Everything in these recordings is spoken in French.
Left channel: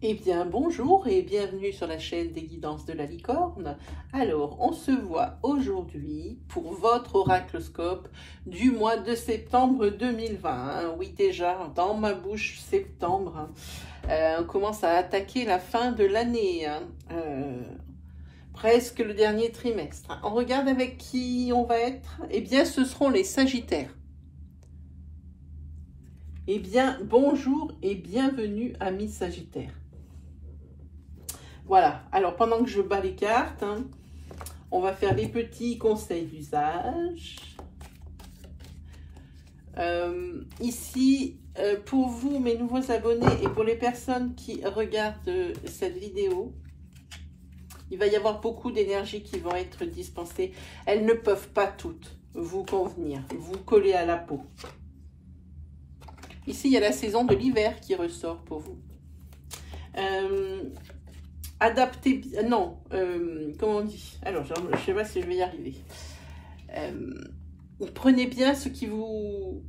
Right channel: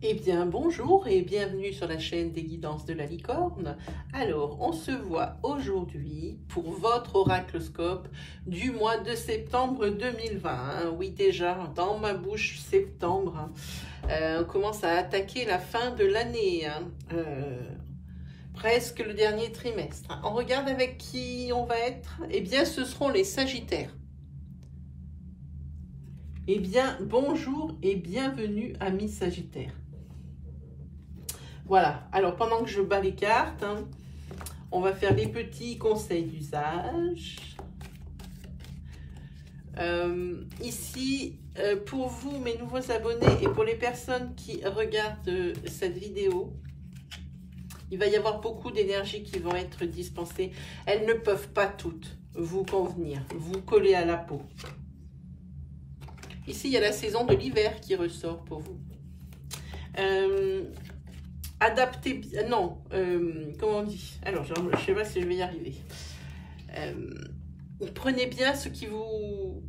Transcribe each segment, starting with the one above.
Eh bien, bonjour et bienvenue sur la chaîne des guidances de la licorne. Alors, on se voit aujourd'hui pour votre oracloscope du mois de septembre 2020. Hein. Oui, déjà, dans ma bouche, septembre, on commence à attaquer la fin de l'année. Hein. Presque le dernier trimestre. On regarde avec qui on va être. Eh bien, ce seront les Sagittaires. Eh bien, bonjour et bienvenue, amis Sagittaires. Voilà, alors pendant que je bats les cartes, hein, on va faire les petits conseils d'usage. Ici, pour vous, mes nouveaux abonnés, et pour les personnes qui regardent cette vidéo, il va y avoir beaucoup d'énergies qui vont être dispensées. Elles ne peuvent pas toutes vous convenir, vous coller à la peau. Ici, il y a la saison de l'hiver qui ressort pour vous. Adaptez, non, comment on dit? Alors, je ne sais pas si je vais y arriver. Prenez bien ce qui vous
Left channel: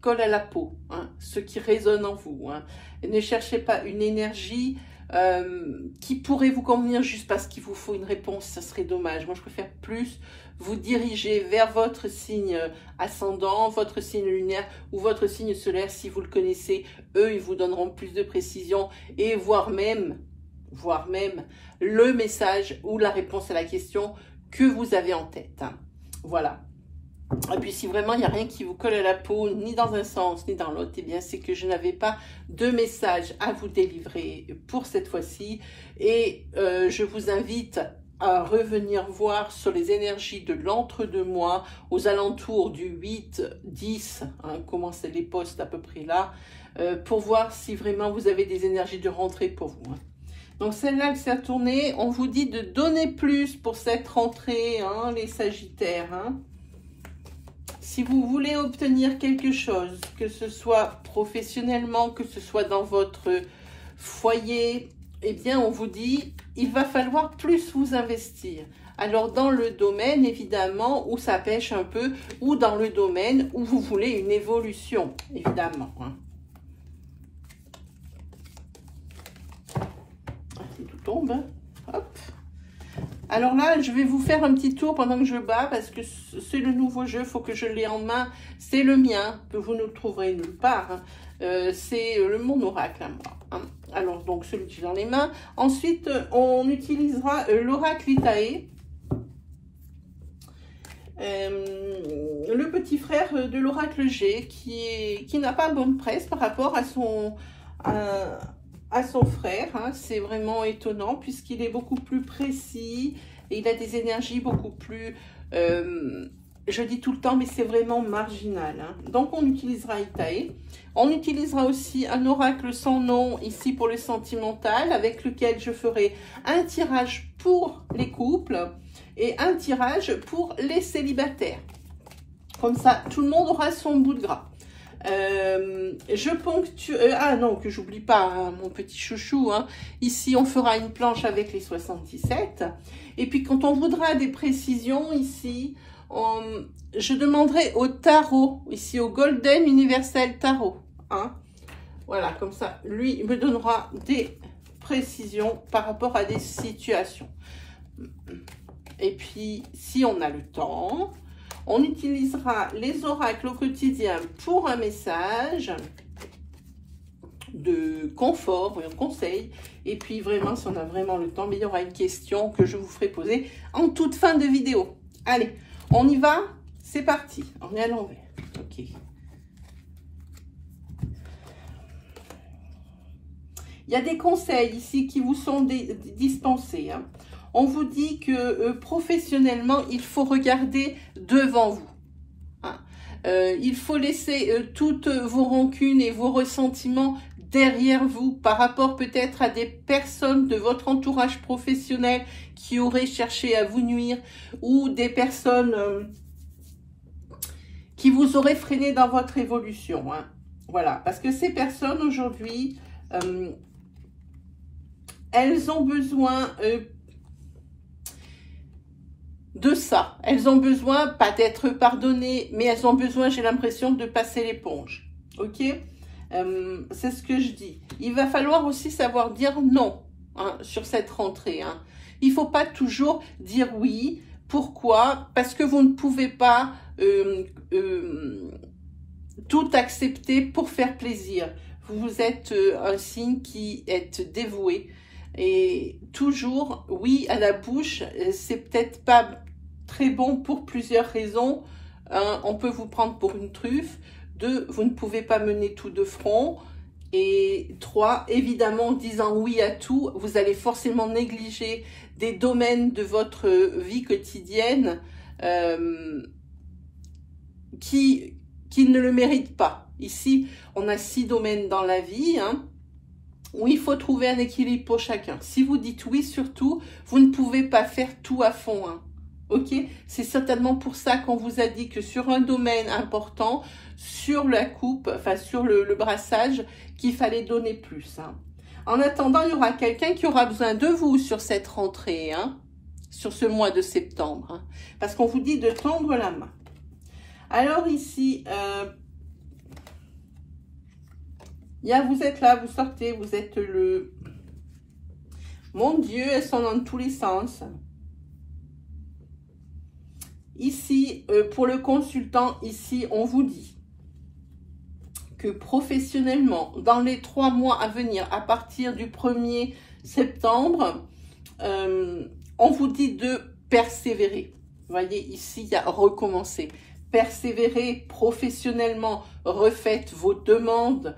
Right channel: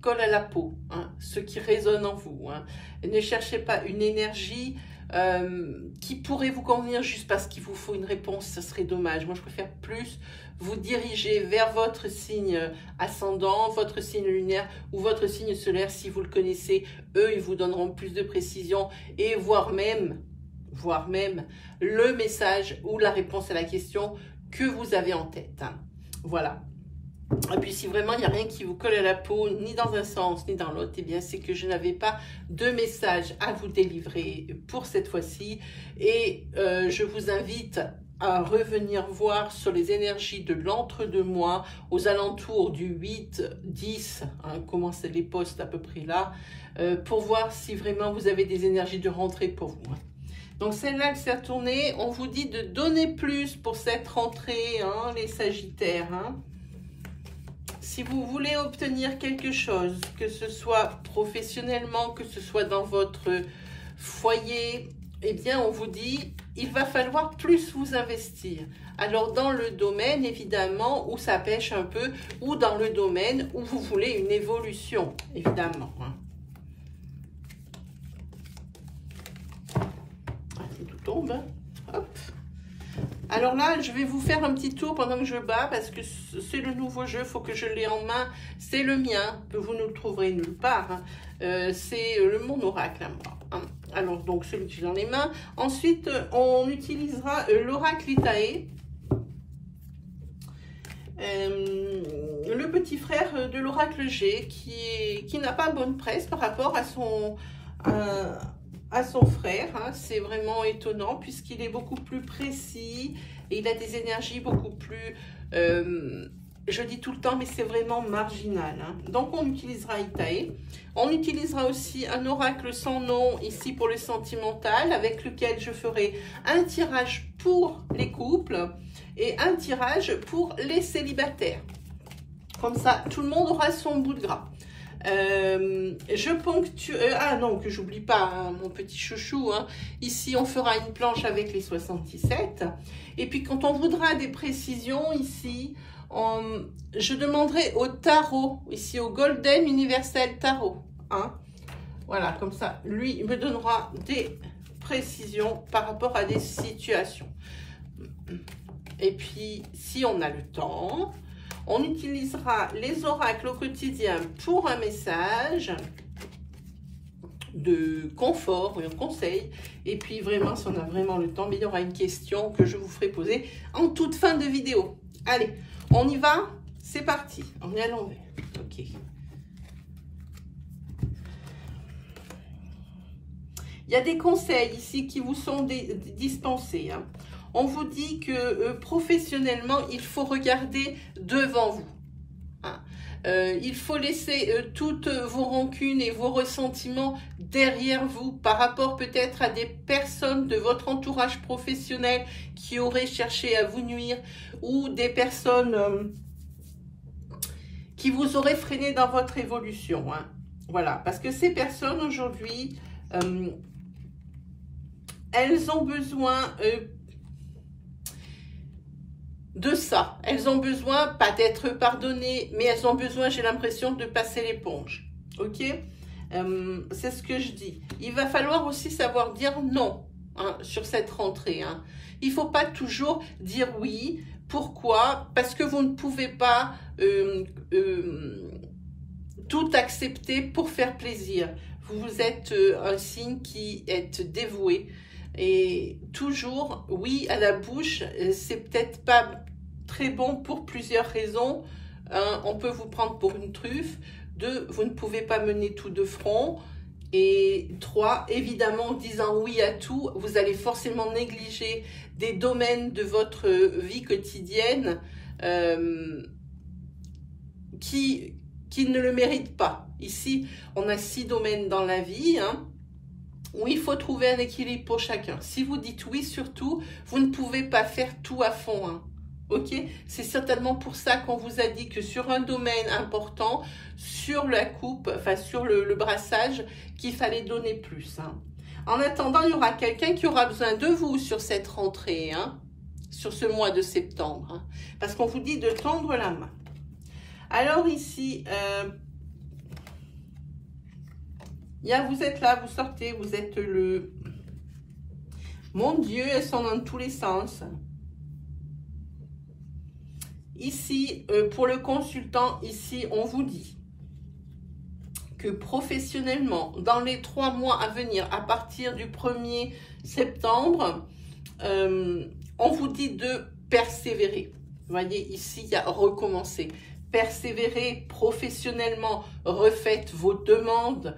colle à la peau, hein, ce qui résonne en vous. Hein. Et ne cherchez pas une énergie qui pourrait vous convenir juste parce qu'il vous faut une réponse, ça serait dommage. Moi, je préfère plus vous diriger vers votre signe ascendant, votre signe lunaire ou votre signe solaire. Si vous le connaissez, eux, ils vous donneront plus de précision et voire même le message ou la réponse à la question que vous avez en tête. Hein. Voilà. Et puis si vraiment il n'y a rien qui vous colle à la peau, ni dans un sens, ni dans l'autre, eh bien c'est que je n'avais pas de message à vous délivrer pour cette fois-ci. Et je vous invite à revenir voir sur les énergies de l'entre-deux-mois, aux alentours du 8-10, hein, comment c'est les postes à peu près là, pour voir si vraiment vous avez des énergies de rentrée pour vous. Hein. Donc celle-là, elle s'est tournée. On vous dit de donner plus pour cette rentrée, hein, les Sagittaires. Hein. Si vous voulez obtenir quelque chose, que ce soit professionnellement, que ce soit dans votre foyer, eh bien on vous dit, il va falloir plus vous investir. Alors dans le domaine, évidemment, où ça pêche un peu, ou dans le domaine où vous voulez une évolution, évidemment. Hein. Tout tombe, hein. Hop. Alors là, je vais vous faire un petit tour pendant que je bats, parce que c'est le nouveau jeu, il faut que je l'ai en main. C'est le mien, que vous ne le trouverez nulle part. Hein. C'est mon oracle à moi. Hein. Alors, donc, celui que j'ai dans les mains. Ensuite, on utilisera l'oracle Itae. Le petit frère de l'oracle G, qui n'a pas bonne presse par rapport à son frère. Hein. C'est vraiment étonnant puisqu'il est beaucoup plus précis et il a des énergies beaucoup plus, je dis tout le temps, mais c'est vraiment marginal. Hein. Donc on utilisera Itae. On utilisera aussi un oracle sans nom ici pour le sentimental, avec lequel je ferai un tirage pour les couples et un tirage pour les célibataires. Comme ça, tout le monde aura son bout de gras. Je ponctue, ah non, que j'oublie pas, hein, mon petit chouchou, hein. Ici on fera une planche avec les 77, et puis quand on voudra des précisions ici, je demanderai au tarot, ici au Golden Universal Tarot, hein. Voilà, comme ça, lui il me donnera des précisions par rapport à des situations. Et puis, si on a le temps, on utilisera les oracles au quotidien pour un message de confort, un conseil. Et puis vraiment, si on a vraiment le temps, mais il y aura une question que je vous ferai poser en toute fin de vidéo. Allez, on y va? C'est parti. On est à l'envers. Ok. Il y a des conseils ici qui vous sont dispensés. Hein. On vous dit que professionnellement, il faut regarder devant vous. Hein. Il faut laisser toutes vos rancunes et vos ressentiments derrière vous par rapport peut-être à des personnes de votre entourage professionnel qui auraient cherché à vous nuire ou des personnes qui vous auraient freiné dans votre évolution. Hein. Voilà, parce que ces personnes aujourd'hui, elles ont besoin de ça. Elles ont besoin, pas d'être pardonnées, mais elles ont besoin, j'ai l'impression, de passer l'éponge. Ok? C'est ce que je dis. Il va falloir aussi savoir dire non hein, sur cette rentrée. Hein. Il ne faut pas toujours dire oui. Pourquoi? Parce que vous ne pouvez pas tout accepter pour faire plaisir. Vous êtes un signe qui est dévoué. Et toujours, oui à la bouche, c'est peut-être pas très bon pour plusieurs raisons. On peut vous prendre pour une truffe. 2, vous ne pouvez pas mener tout de front. Et 3, évidemment, en disant oui à tout, vous allez forcément négliger des domaines de votre vie quotidienne qui ne le méritent pas. Ici, on a 6 domaines dans la vie, hein, où il faut trouver un équilibre pour chacun. Si vous dites oui, surtout, vous ne pouvez pas faire tout à fond. Hein. Ok, c'est certainement pour ça qu'on vous a dit que sur un domaine important, sur la coupe, enfin sur le brassage, qu'il fallait donner plus. Hein. En attendant, il y aura quelqu'un qui aura besoin de vous sur cette rentrée, hein, sur ce mois de septembre, hein, parce qu'on vous dit de tendre la main. Alors ici, vous êtes là, vous sortez, vous êtes le... Mon Dieu, elles sont dans tous les sens. Ici, pour le consultant, ici, on vous dit que professionnellement, dans les 3 mois à venir, à partir du 1er septembre, on vous dit de persévérer. Vous voyez, ici, il y a recommencer. Persévérer professionnellement, refaites vos demandes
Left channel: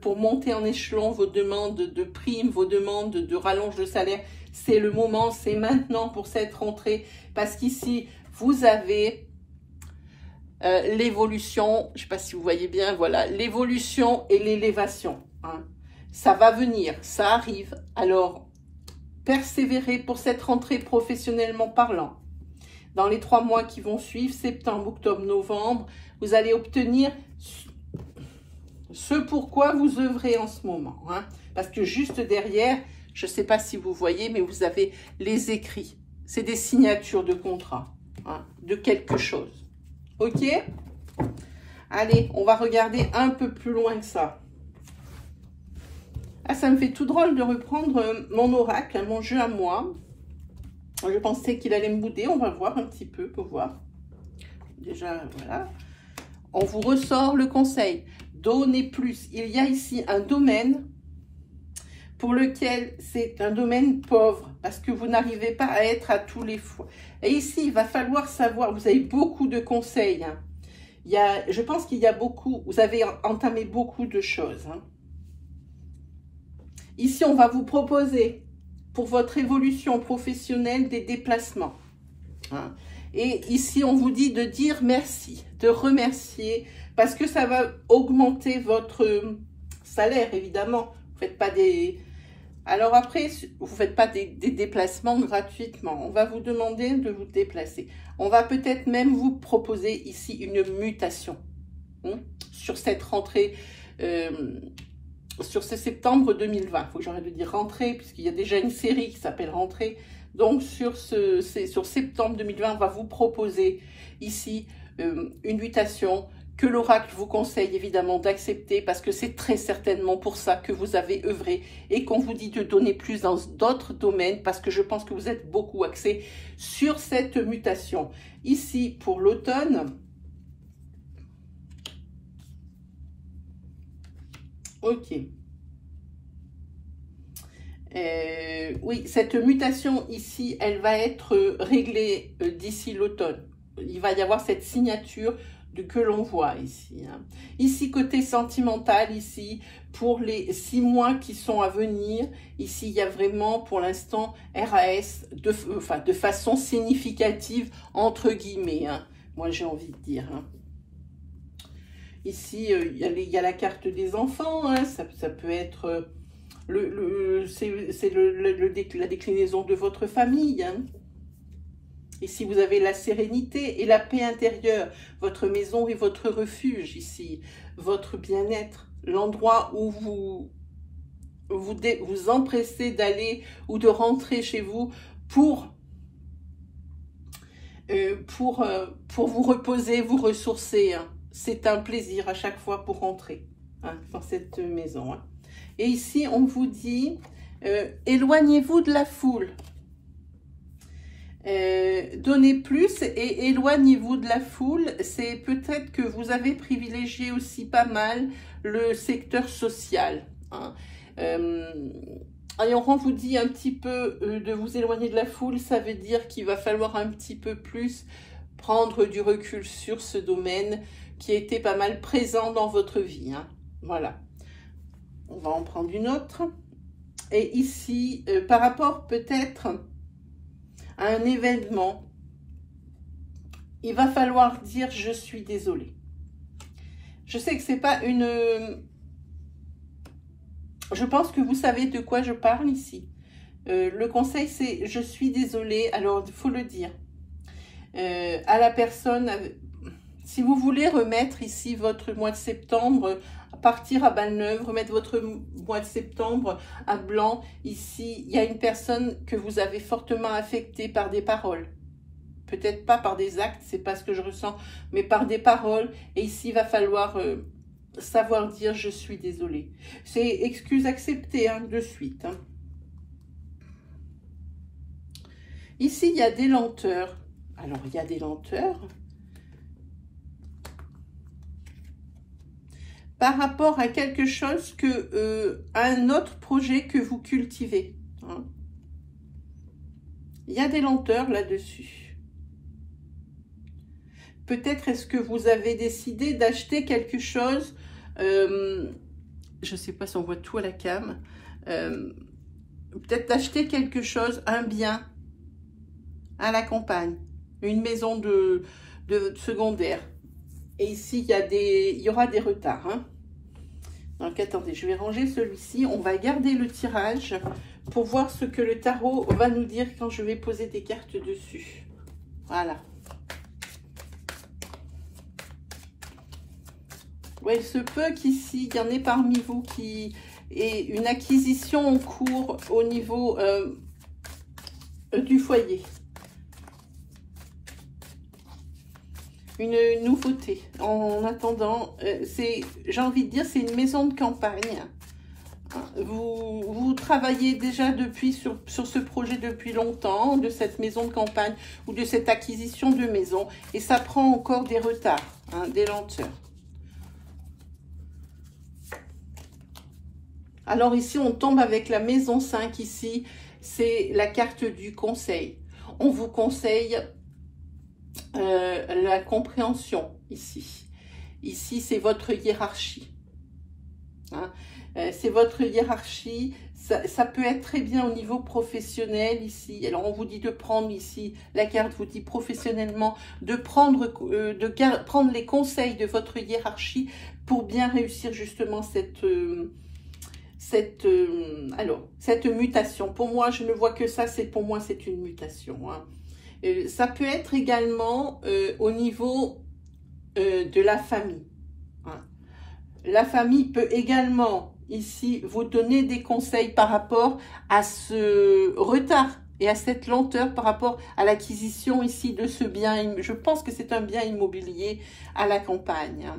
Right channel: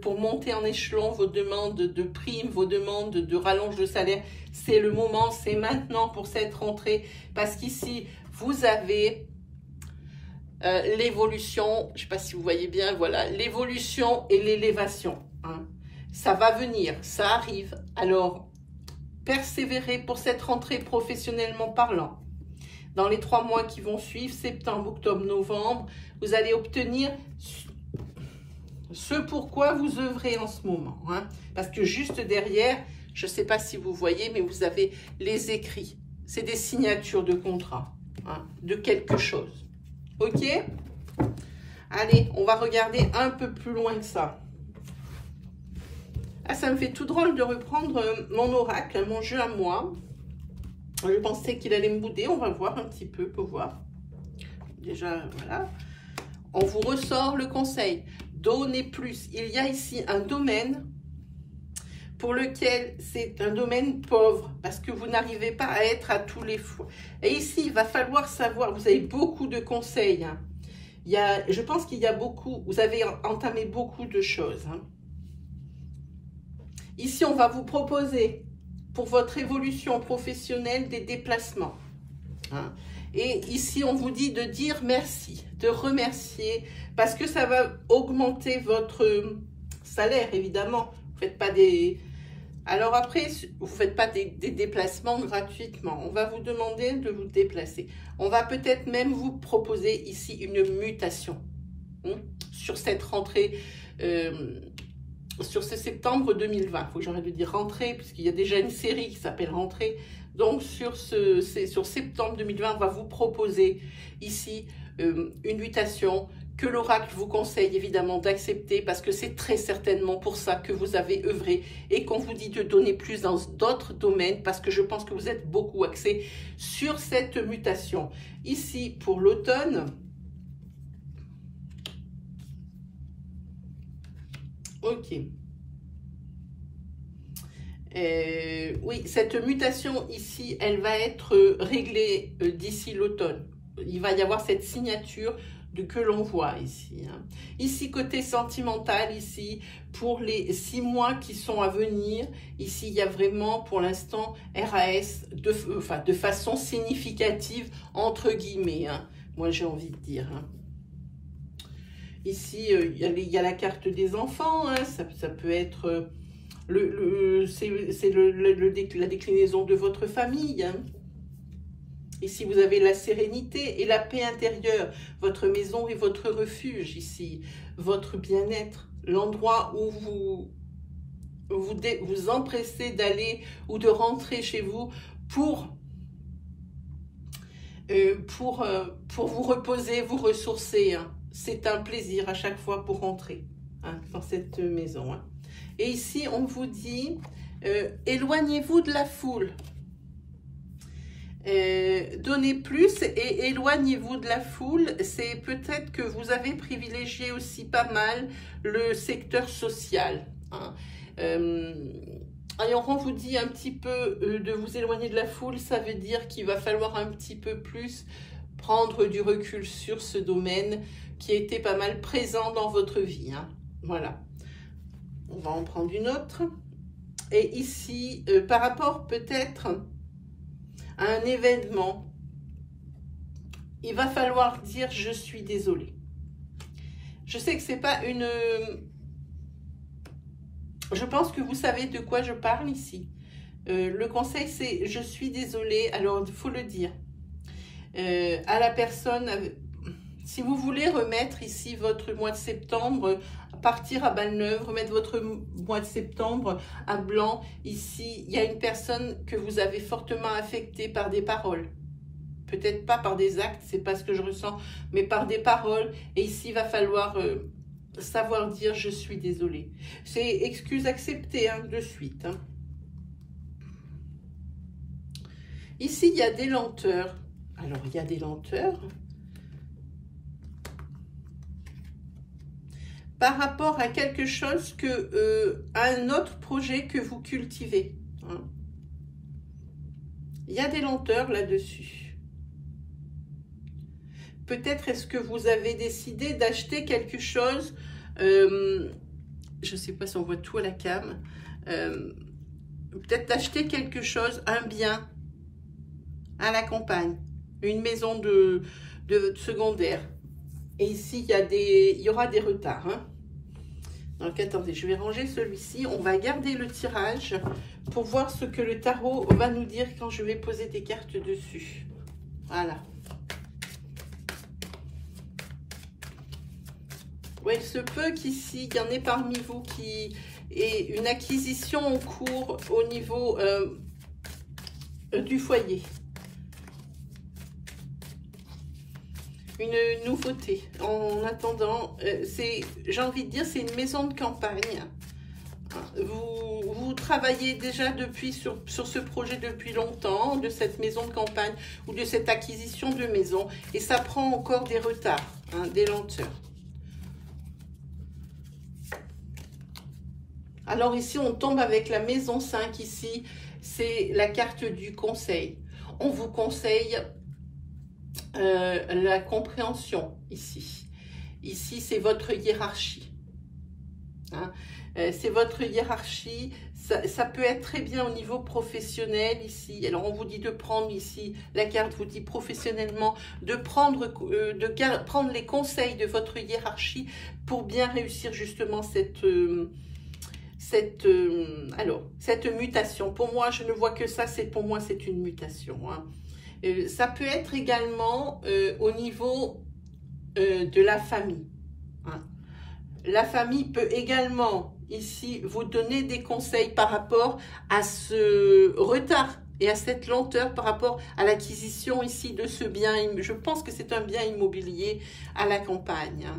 pour monter en échelon, vos demandes de primes, vos demandes de rallonge de salaire. C'est le moment, c'est maintenant pour cette rentrée, parce qu'ici, vous avez l'évolution, je ne sais pas si vous voyez bien, voilà, l'évolution et l'élévation. Hein. Ça va venir, ça arrive. Alors, persévérez pour cette rentrée professionnellement parlant. Dans les 3 mois qui vont suivre, septembre, octobre, novembre, vous allez obtenir ce pourquoi vous œuvrez en ce moment. Hein. Parce que juste derrière, je ne sais pas si vous voyez, mais vous avez les écrits. C'est des signatures de contrat, hein, de quelque chose. Ok? Allez, on va regarder un peu plus loin que ça. Ah, ça me fait tout drôle de reprendre mon oracle, mon jeu à moi. Je pensais qu'il allait me bouder. On va voir un petit peu pour voir. Déjà, voilà. On vous ressort le conseil. Donnez plus. Il y a ici un domaine pour lequel c'est un domaine pauvre parce que vous n'arrivez pas à être à tous les fois. Et ici, il va falloir savoir, vous avez beaucoup de conseils. Hein. Je pense qu'il y a beaucoup, vous avez entamé beaucoup de choses. Hein. Ici, on va vous proposer pour votre évolution professionnelle des déplacements. Hein. Et ici, on vous dit de dire merci, de remercier, parce que ça va augmenter votre salaire, évidemment. Vous faites pas des... Alors après, vous ne faites pas des déplacements gratuitement. On va vous demander de vous déplacer. On va peut-être même vous proposer ici une mutation hein, sur cette rentrée, sur ce septembre 2020. Il faut que j'arrête de dire rentrée, puisqu'il y a déjà une série qui s'appelle rentrée. Donc, sur septembre 2020, on va vous proposer ici une mutation que l'oracle vous conseille évidemment d'accepter parce que c'est très certainement pour ça que vous avez œuvré et qu'on vous dit de donner plus dans d'autres domaines parce que je pense que vous êtes beaucoup axé sur cette mutation. Ici, pour l'automne, ok. Oui, cette mutation ici, elle va être réglée d'ici l'automne. Il va y avoir cette signature que l'on voit ici. Hein. Ici, côté sentimental, ici, pour les 6 mois qui sont à venir, ici, il y a vraiment, pour l'instant, RAS de façon significative, entre guillemets. Hein. Moi, j'ai envie de dire. Hein. Ici, il y a la carte des enfants. Hein. Ça peut être... la déclinaison de votre famille. Hein. Ici, vous avez la sérénité et la paix intérieure, votre maison et votre refuge ici, votre bien-être, l'endroit où vous empressez d'aller ou de rentrer chez vous pour vous reposer, vous ressourcer. Hein. c'est un plaisir à chaque fois pour rentrer dans cette maison. Et ici, on vous dit, éloignez-vous de la foule. Donnez plus et éloignez-vous de la foule. C'est peut-être que vous avez privilégié aussi pas mal le secteur social. Alors on vous dit un petit peu de vous éloigner de la foule, ça veut dire qu'il va falloir un petit peu plus prendre du recul sur ce domaine qui a été pas mal présent dans votre vie. Voilà. On va en prendre une autre. Et ici, par rapport peut-être à un événement, il va falloir dire je suis désolée. Je sais que c'est pas une... Je pense que vous savez de quoi je parle ici. Le conseil c'est je suis désolée, alors il faut le dire. À la personne, si vous voulez remettre ici votre mois de septembre, partir à balle neuve, remettre votre mois de septembre à blanc, ici, il y a une personne que vous avez fortement affectée par des paroles. Peut-être pas par des actes, c'est pas ce que je ressens, mais par des paroles. Et ici, il va falloir savoir dire je suis désolée. C'est excuse acceptée de suite. Ici, il y a des lenteurs. Alors, il y a des lenteurs. Par rapport à quelque chose à un autre projet que vous cultivez. Il y a des lenteurs là-dessus. Peut-être est-ce que vous avez décidé d'acheter quelque chose, je ne sais pas si on voit tout à la cam, peut-être d'acheter quelque chose, un bien à la campagne, une maison de secondaire. Et ici, il y aura des retards. Donc, attendez, je vais ranger celui-ci. On va garder le tirage pour voir ce que le tarot va nous dire quand je vais poser des cartes dessus. Voilà. Ouais, il se peut qu'ici, il y en ait parmi vous qui ait une acquisition en cours au niveau du foyer. Une nouveauté. En attendant, j'ai envie de dire, c'est une maison de campagne. Vous travaillez déjà sur ce projet depuis longtemps, de cette maison de campagne ou de cette acquisition de maison. Et ça prend encore des retards, des lenteurs. Alors ici, on tombe avec la maison 5 ici. C'est la carte du conseil. On vous conseille la compréhension ici. Ici, c'est votre hiérarchie. C'est votre hiérarchie. Ça peut être très bien au niveau professionnel ici. Alors, on vous dit de prendre ici, la carte vous dit professionnellement, de prendre les conseils de votre hiérarchie pour bien réussir justement cette mutation. Pour moi, je ne vois que ça, pour moi, c'est une mutation. Ça peut être également au niveau de la famille. La famille peut également ici vous donner des conseils par rapport à ce retard et à cette lenteur par rapport à l'acquisition ici de ce bien. Je pense que c'est un bien immobilier à la campagne.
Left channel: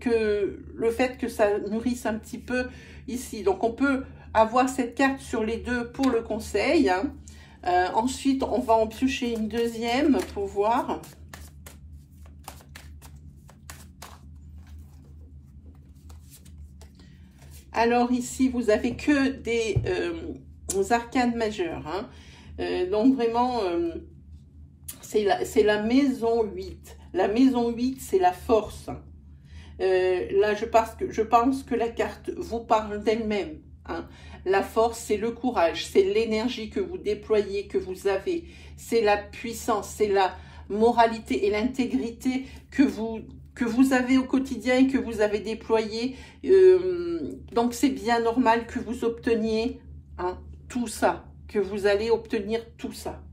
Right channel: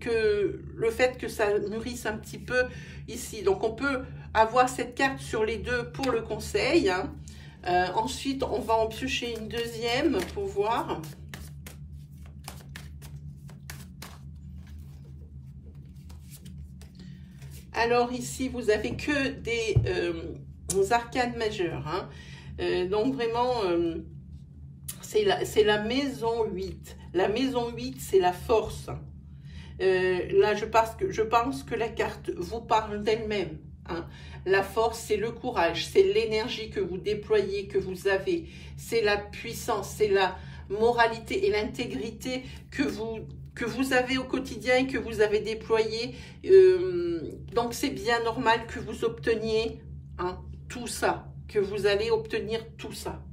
Que le fait que ça nourrisse un petit peu ici. Donc on peut avoir cette carte sur les deux pour le conseil. Ensuite, on va en piocher une deuxième pour voir. Alors ici, vous avez que des arcanes majeures. Donc vraiment, c'est la maison 8. La maison 8, c'est la force. Là, je pense que la carte vous parle d'elle-même. La force, c'est le courage, c'est l'énergie que vous déployez, que vous avez. C'est la puissance, c'est la moralité et l'intégrité que vous avez au quotidien et que vous avez déployé. Donc, c'est bien normal que vous obteniez tout ça, que vous allez obtenir tout ça.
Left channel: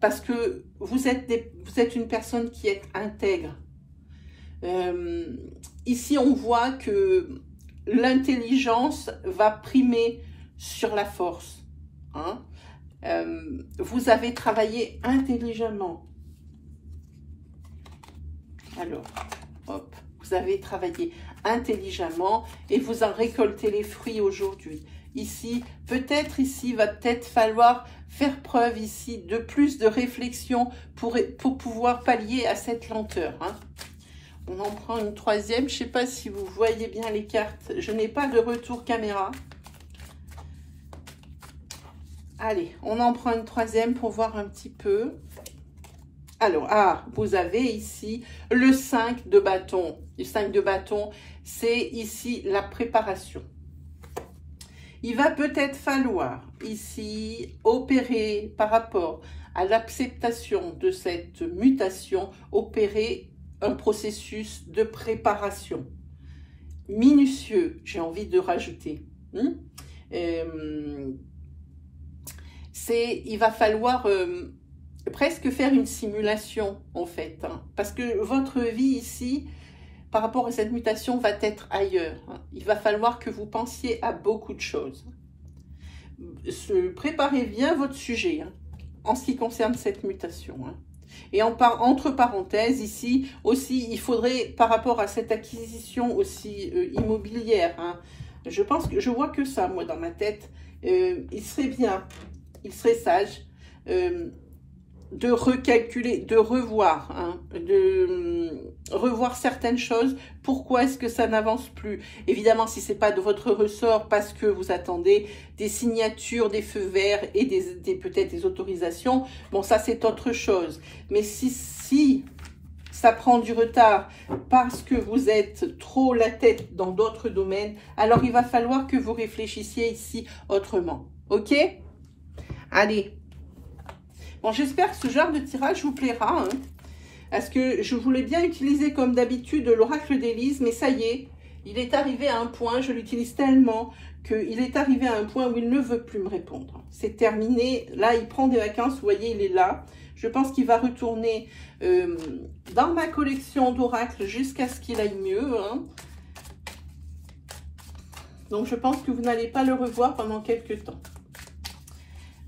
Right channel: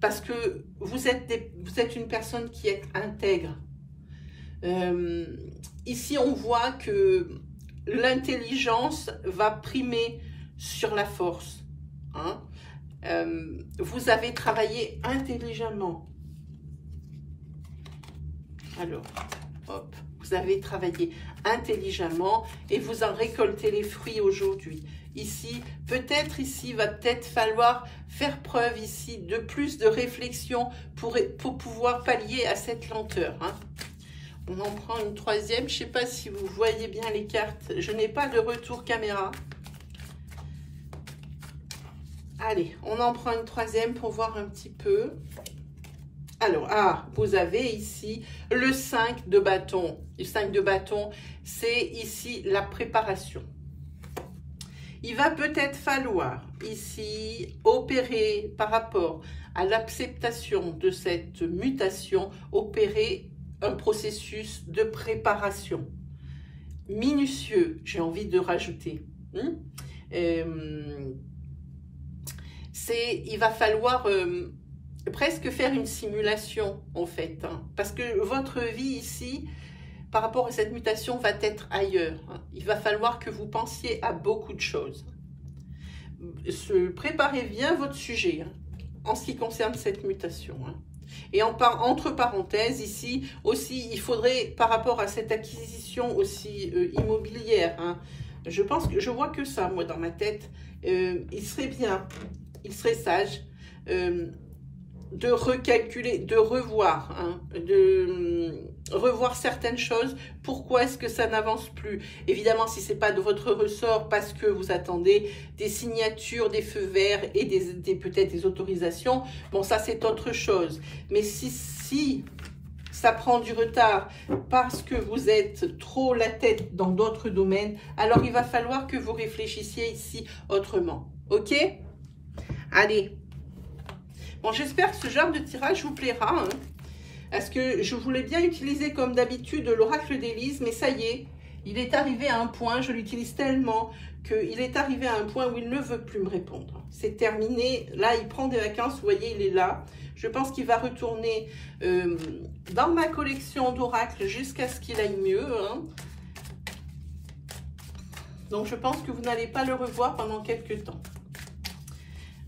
Parce que vous êtes une personne qui est intègre. Ici, on voit que l'intelligence va primer sur la force. Vous avez travaillé intelligemment. Alors, hop, vous avez travaillé intelligemment et vous en récoltez les fruits aujourd'hui. Ici, va peut-être falloir faire preuve ici de plus de réflexion pour pouvoir pallier à cette lenteur. Hein. On en prend une troisième. Je ne sais pas si vous voyez bien les cartes. Je n'ai pas de retour caméra. Allez, on en prend une troisième pour voir un petit peu. Alors, vous avez ici le 5 de bâton. Le 5 de bâton, c'est ici la préparation. Il va peut-être falloir ici opérer par rapport à l'acceptation de cette mutation, opérer un processus de préparation minutieux, j'ai envie de rajouter. Il va falloir presque faire une simulation en fait, hein, parce que votre vie ici, par rapport à cette mutation, va être ailleurs. Hein. Il va falloir que vous pensiez à beaucoup de choses. Préparez bien votre sujet hein, en ce qui concerne cette mutation. Hein. Et entre parenthèses, ici aussi, il faudrait, par rapport à cette acquisition aussi immobilière, hein, je vois que ça, moi, dans ma tête, il serait bien, il serait sage de recalculer, de revoir, hein, revoir certaines choses. Pourquoi est-ce que ça n'avance plus? Évidemment, si ce n'est pas de votre ressort, parce que vous attendez des signatures, des feux verts et peut-être des autorisations, bon, ça c'est autre chose. Mais si ça prend du retard parce que vous êtes trop la tête dans d'autres domaines, alors il va falloir que vous réfléchissiez ici autrement. Ok? Allez. Bon, j'espère que ce genre de tirage vous plaira. Hein, parce que je voulais bien utiliser comme d'habitude l'oracle d'Élise, mais ça y est, il est arrivé à un point, je l'utilise tellement qu'il est arrivé à un point où il ne veut plus me répondre. C'est terminé. Là, il prend des vacances, vous voyez, il est là. Je pense qu'il va retourner dans ma collection d'oracles jusqu'à ce qu'il aille mieux. Hein. Donc, je pense que vous n'allez pas le revoir pendant quelques temps.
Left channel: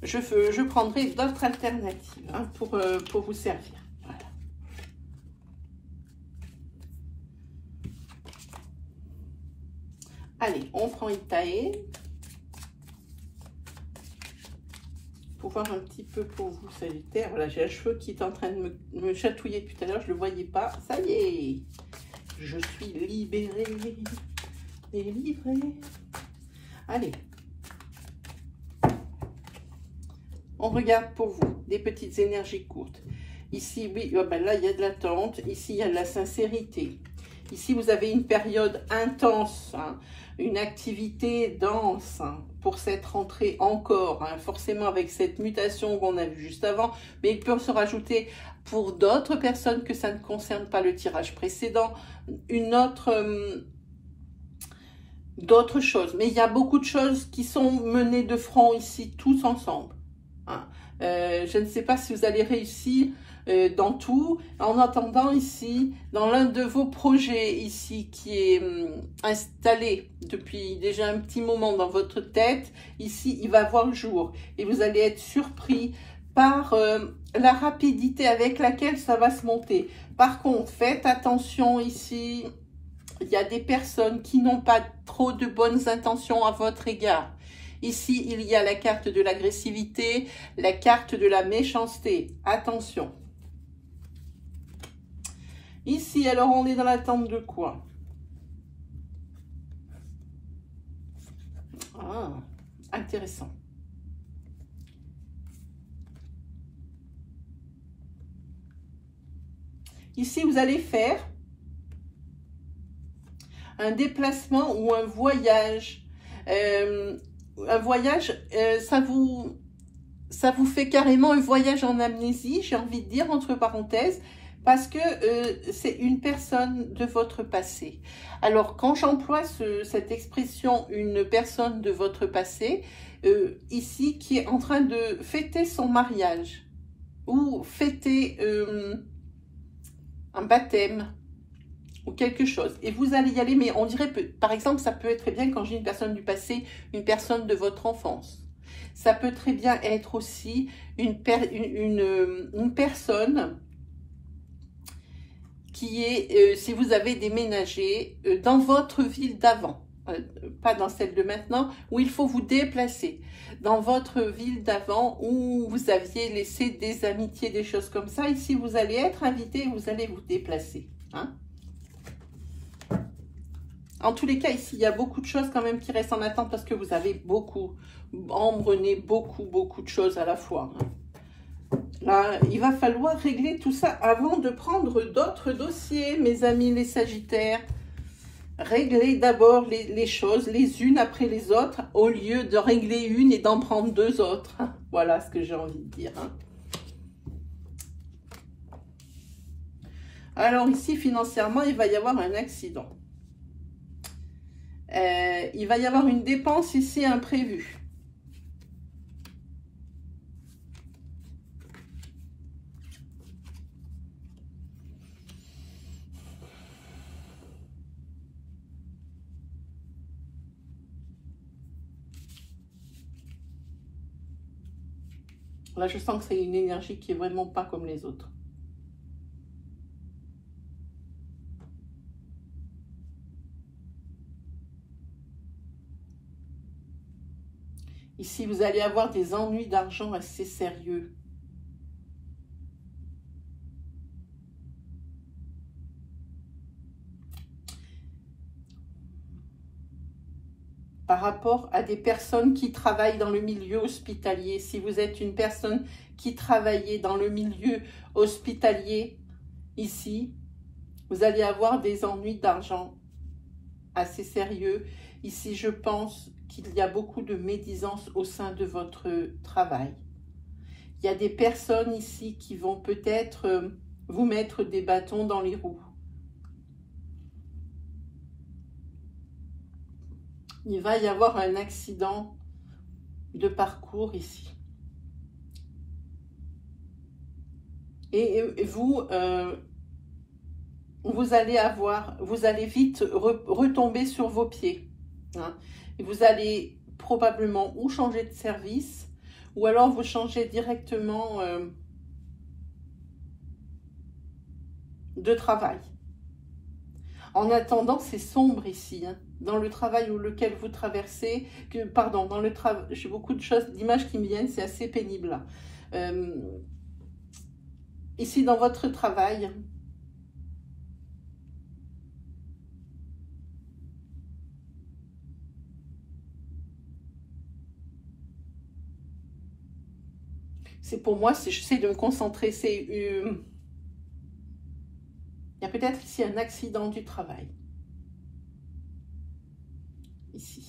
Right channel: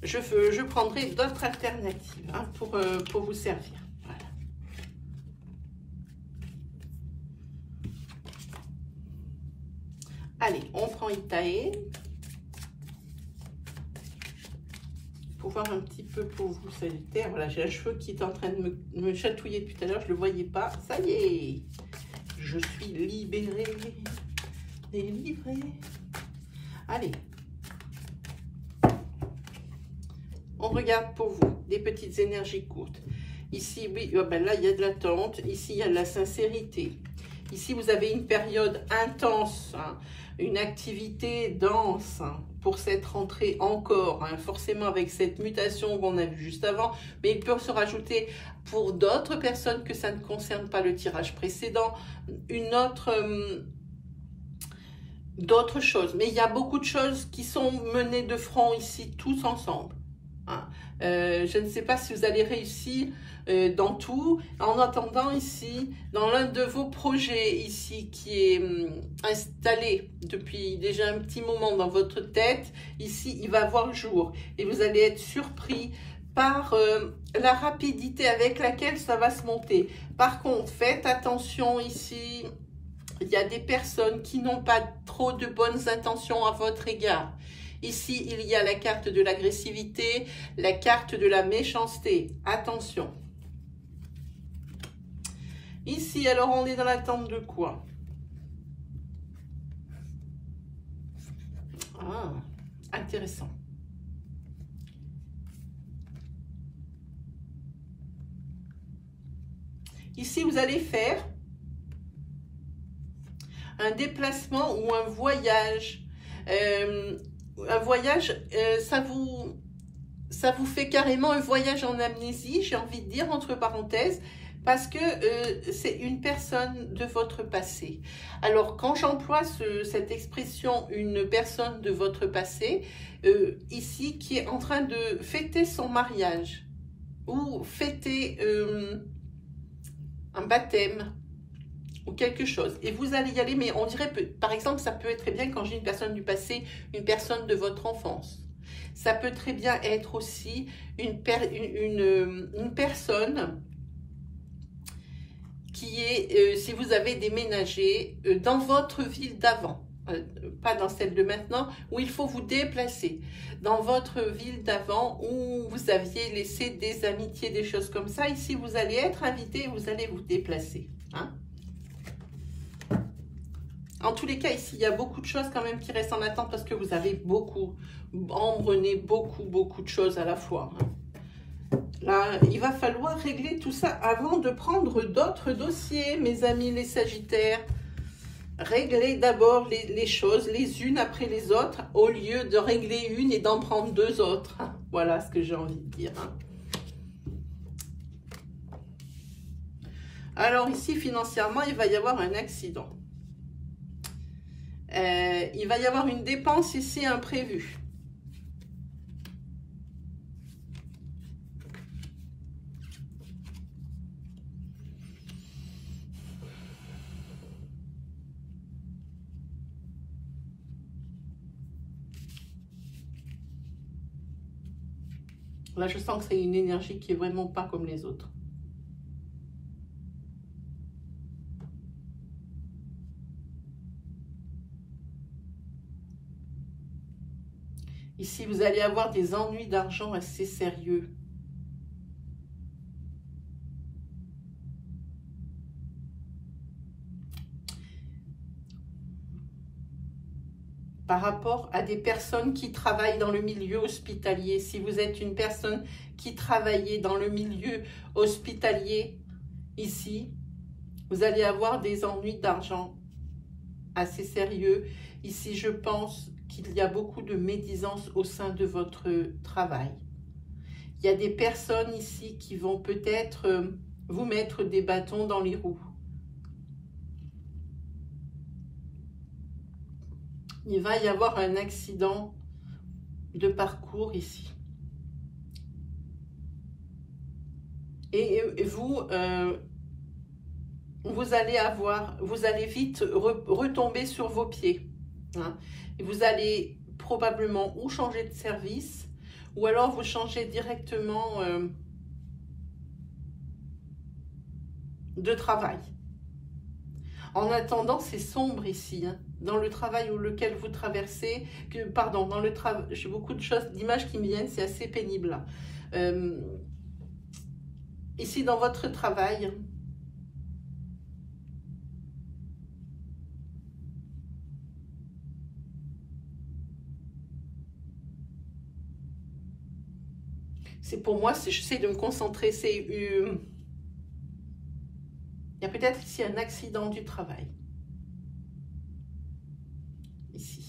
Je prendrai d'autres alternatives hein, pour vous servir. Voilà. Allez, on prend Itae. Pour voir un petit peu pour vous, Sagittaire. Voilà, j'ai un cheveu qui est en train de me chatouiller depuis tout à l'heure. Je ne le voyais pas. Ça y est, je suis libérée, délivrée. Allez. On regarde pour vous des petites énergies courtes. Ici, oui, là, il y a de l'attente. Ici, il y a de la sincérité. Ici, vous avez une période intense, hein, une activité dense hein, pour cette rentrée encore. Hein, forcément, avec cette mutation qu'on a vue juste avant. Mais il peut se rajouter pour d'autres personnes que ça ne concerne pas le tirage précédent. D'autres choses. Mais il y a beaucoup de choses qui sont menées de front ici, tous ensemble. Hein. Je ne sais pas si vous allez réussir dans tout. En attendant ici, dans l'un de vos projets ici qui est installé depuis déjà un petit moment dans votre tête, ici il va voir le jour et vous allez être surpris par la rapidité avec laquelle ça va se monter. Par contre, faites attention ici, il y a des personnes qui n'ont pas trop de bonnes intentions à votre égard. Ici, il y a la carte de l'agressivité, la carte de la méchanceté. Attention. Ici, alors, on est dans l'attente de quoi? Ah, intéressant. Ici, vous allez faire un déplacement ou un voyage. Un voyage, ça vous fait carrément un voyage en amnésie, j'ai envie de dire, entre parenthèses, parce que c'est une personne de votre passé. Alors, quand j'emploie cette expression, une personne de votre passé, ici, qui est en train de fêter son mariage, ou fêter un baptême, ou quelque chose. Et vous allez y aller, mais on dirait, par exemple, ça peut être très bien quand j'ai une personne du passé, une personne de votre enfance. Ça peut très bien être aussi une personne qui est, si vous avez déménagé dans votre ville d'avant, pas dans celle de maintenant, où il faut vous déplacer, dans votre ville d'avant où vous aviez laissé des amitiés, des choses comme ça. Ici, vous allez être invité, vous allez vous déplacer. Hein. En tous les cas, ici, il y a beaucoup de choses quand même qui restent en attente parce que vous avez embrunné beaucoup de choses à la fois. Hein. Là, il va falloir régler tout ça avant de prendre d'autres dossiers, mes amis les Sagittaires. Réglez d'abord les choses les unes après les autres au lieu de régler une et d'en prendre deux autres. Voilà ce que j'ai envie de dire. Hein. Alors ici, financièrement, il va y avoir un accident. Il va y avoir une dépense ici imprévue. Là, je sens que c'est une énergie qui est vraiment pas comme les autres. Ici, vous allez avoir des ennuis d'argent assez sérieux. Par rapport à des personnes qui travaillent dans le milieu hospitalier. Si vous êtes une personne qui travaillait dans le milieu hospitalier, ici, vous allez avoir des ennuis d'argent assez sérieux. Ici, je pense qu'il y a beaucoup de médisance au sein de votre travail. Il y a des personnes ici qui vont peut-être vous mettre des bâtons dans les roues. Il va y avoir un accident de parcours ici. Et vous, vous allez vite retomber sur vos pieds. Hein. Et vous allez probablement ou changer de service, ou alors vous changez directement de travail. En attendant, c'est sombre ici, hein, dans le travail ou lequel vous traversez, dans le travail, j'ai beaucoup de choses, d'images qui me viennent, c'est assez pénible. Ici, dans votre travail, c'est pour moi, j'essaie de me concentrer, il y a peut-être ici un accident du travail. Ici.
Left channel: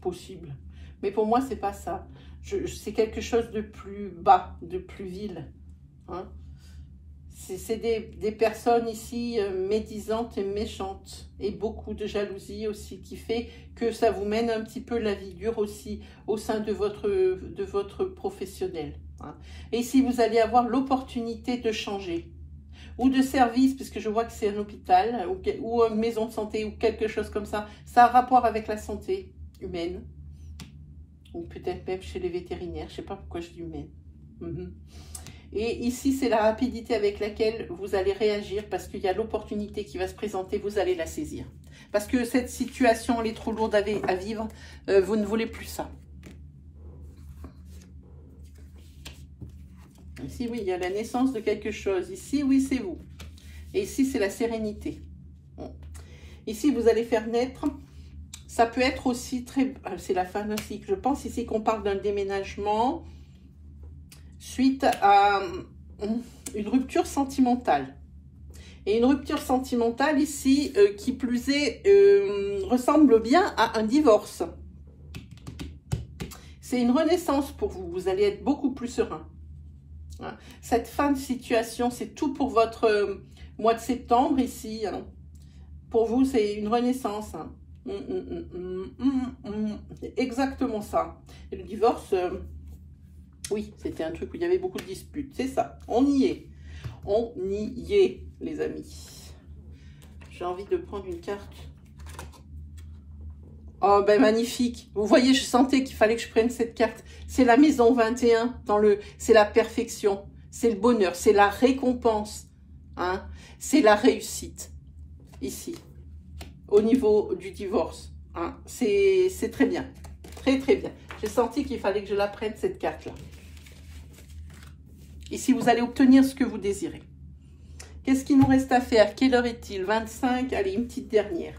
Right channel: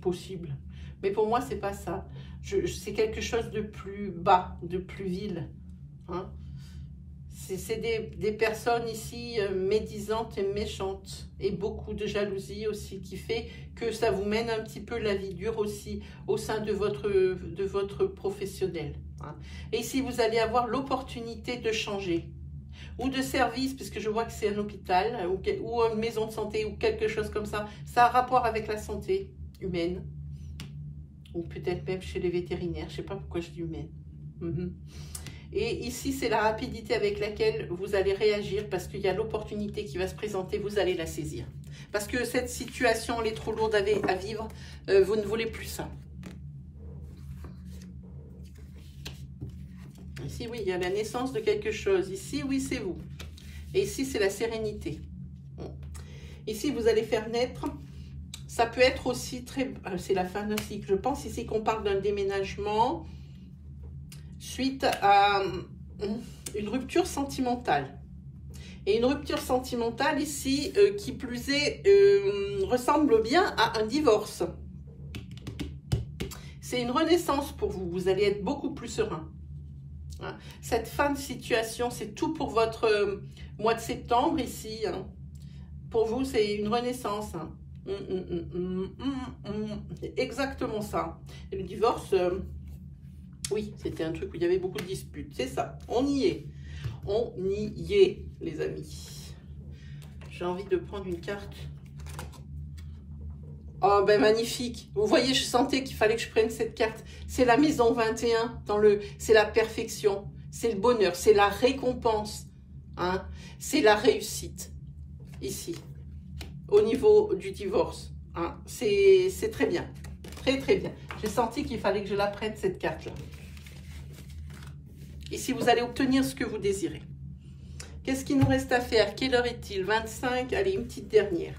Possible. Mais pour moi, c'est pas ça. C'est quelque chose de plus bas, de plus vil. Hein. C'est des personnes ici médisantes et méchantes. Et beaucoup de jalousie aussi qui fait que ça vous mène un petit peu la vie dure aussi au sein de votre professionnel. Hein. Et ici, vous allez avoir l'opportunité de changer. Ou de service, puisque je vois que c'est un hôpital, ou une maison de santé, ou quelque chose comme ça. Ça a rapport avec la santé humaine. Ou peut-être même chez les vétérinaires, je ne sais pas pourquoi je dis humaine. Et ici, c'est la rapidité avec laquelle vous allez réagir, parce qu'il y a l'opportunité qui va se présenter, vous allez la saisir. Parce que cette situation, elle est trop lourde à vivre, vous ne voulez plus ça. Ici, oui, il y a la naissance de quelque chose. Ici, oui, c'est vous. Et ici, c'est la sérénité. Bon. Ici, vous allez faire naître. Ça peut être aussi très... C'est la fin d'un cycle. Je pense ici qu'on parle d'un déménagement suite à une rupture sentimentale. Et une rupture sentimentale ici, qui plus est, ressemble bien à un divorce. C'est une renaissance pour vous. Vous allez être beaucoup plus serein. Cette fin de situation, c'est tout pour votre mois de septembre ici. Hein. Pour vous, c'est une renaissance. Hein. C'est exactement ça. Et le divorce, oui, c'était un truc où il y avait beaucoup de disputes. C'est ça, on y est. On y est, les amis. J'ai envie de prendre une carte. Oh, ben magnifique. Vous voyez, je sentais qu'il fallait que je prenne cette carte. C'est la maison 21, c'est la perfection, c'est le bonheur, c'est la récompense. Hein. C'est la réussite, ici, au niveau du divorce. Hein. C'est très bien, très très bien. J'ai senti qu'il fallait que je la prenne, cette carte-là. Ici, vous allez obtenir ce que vous désirez. Qu'est-ce qu'il nous reste à faire? Quelle heure est-il? 25. Allez, une petite dernière.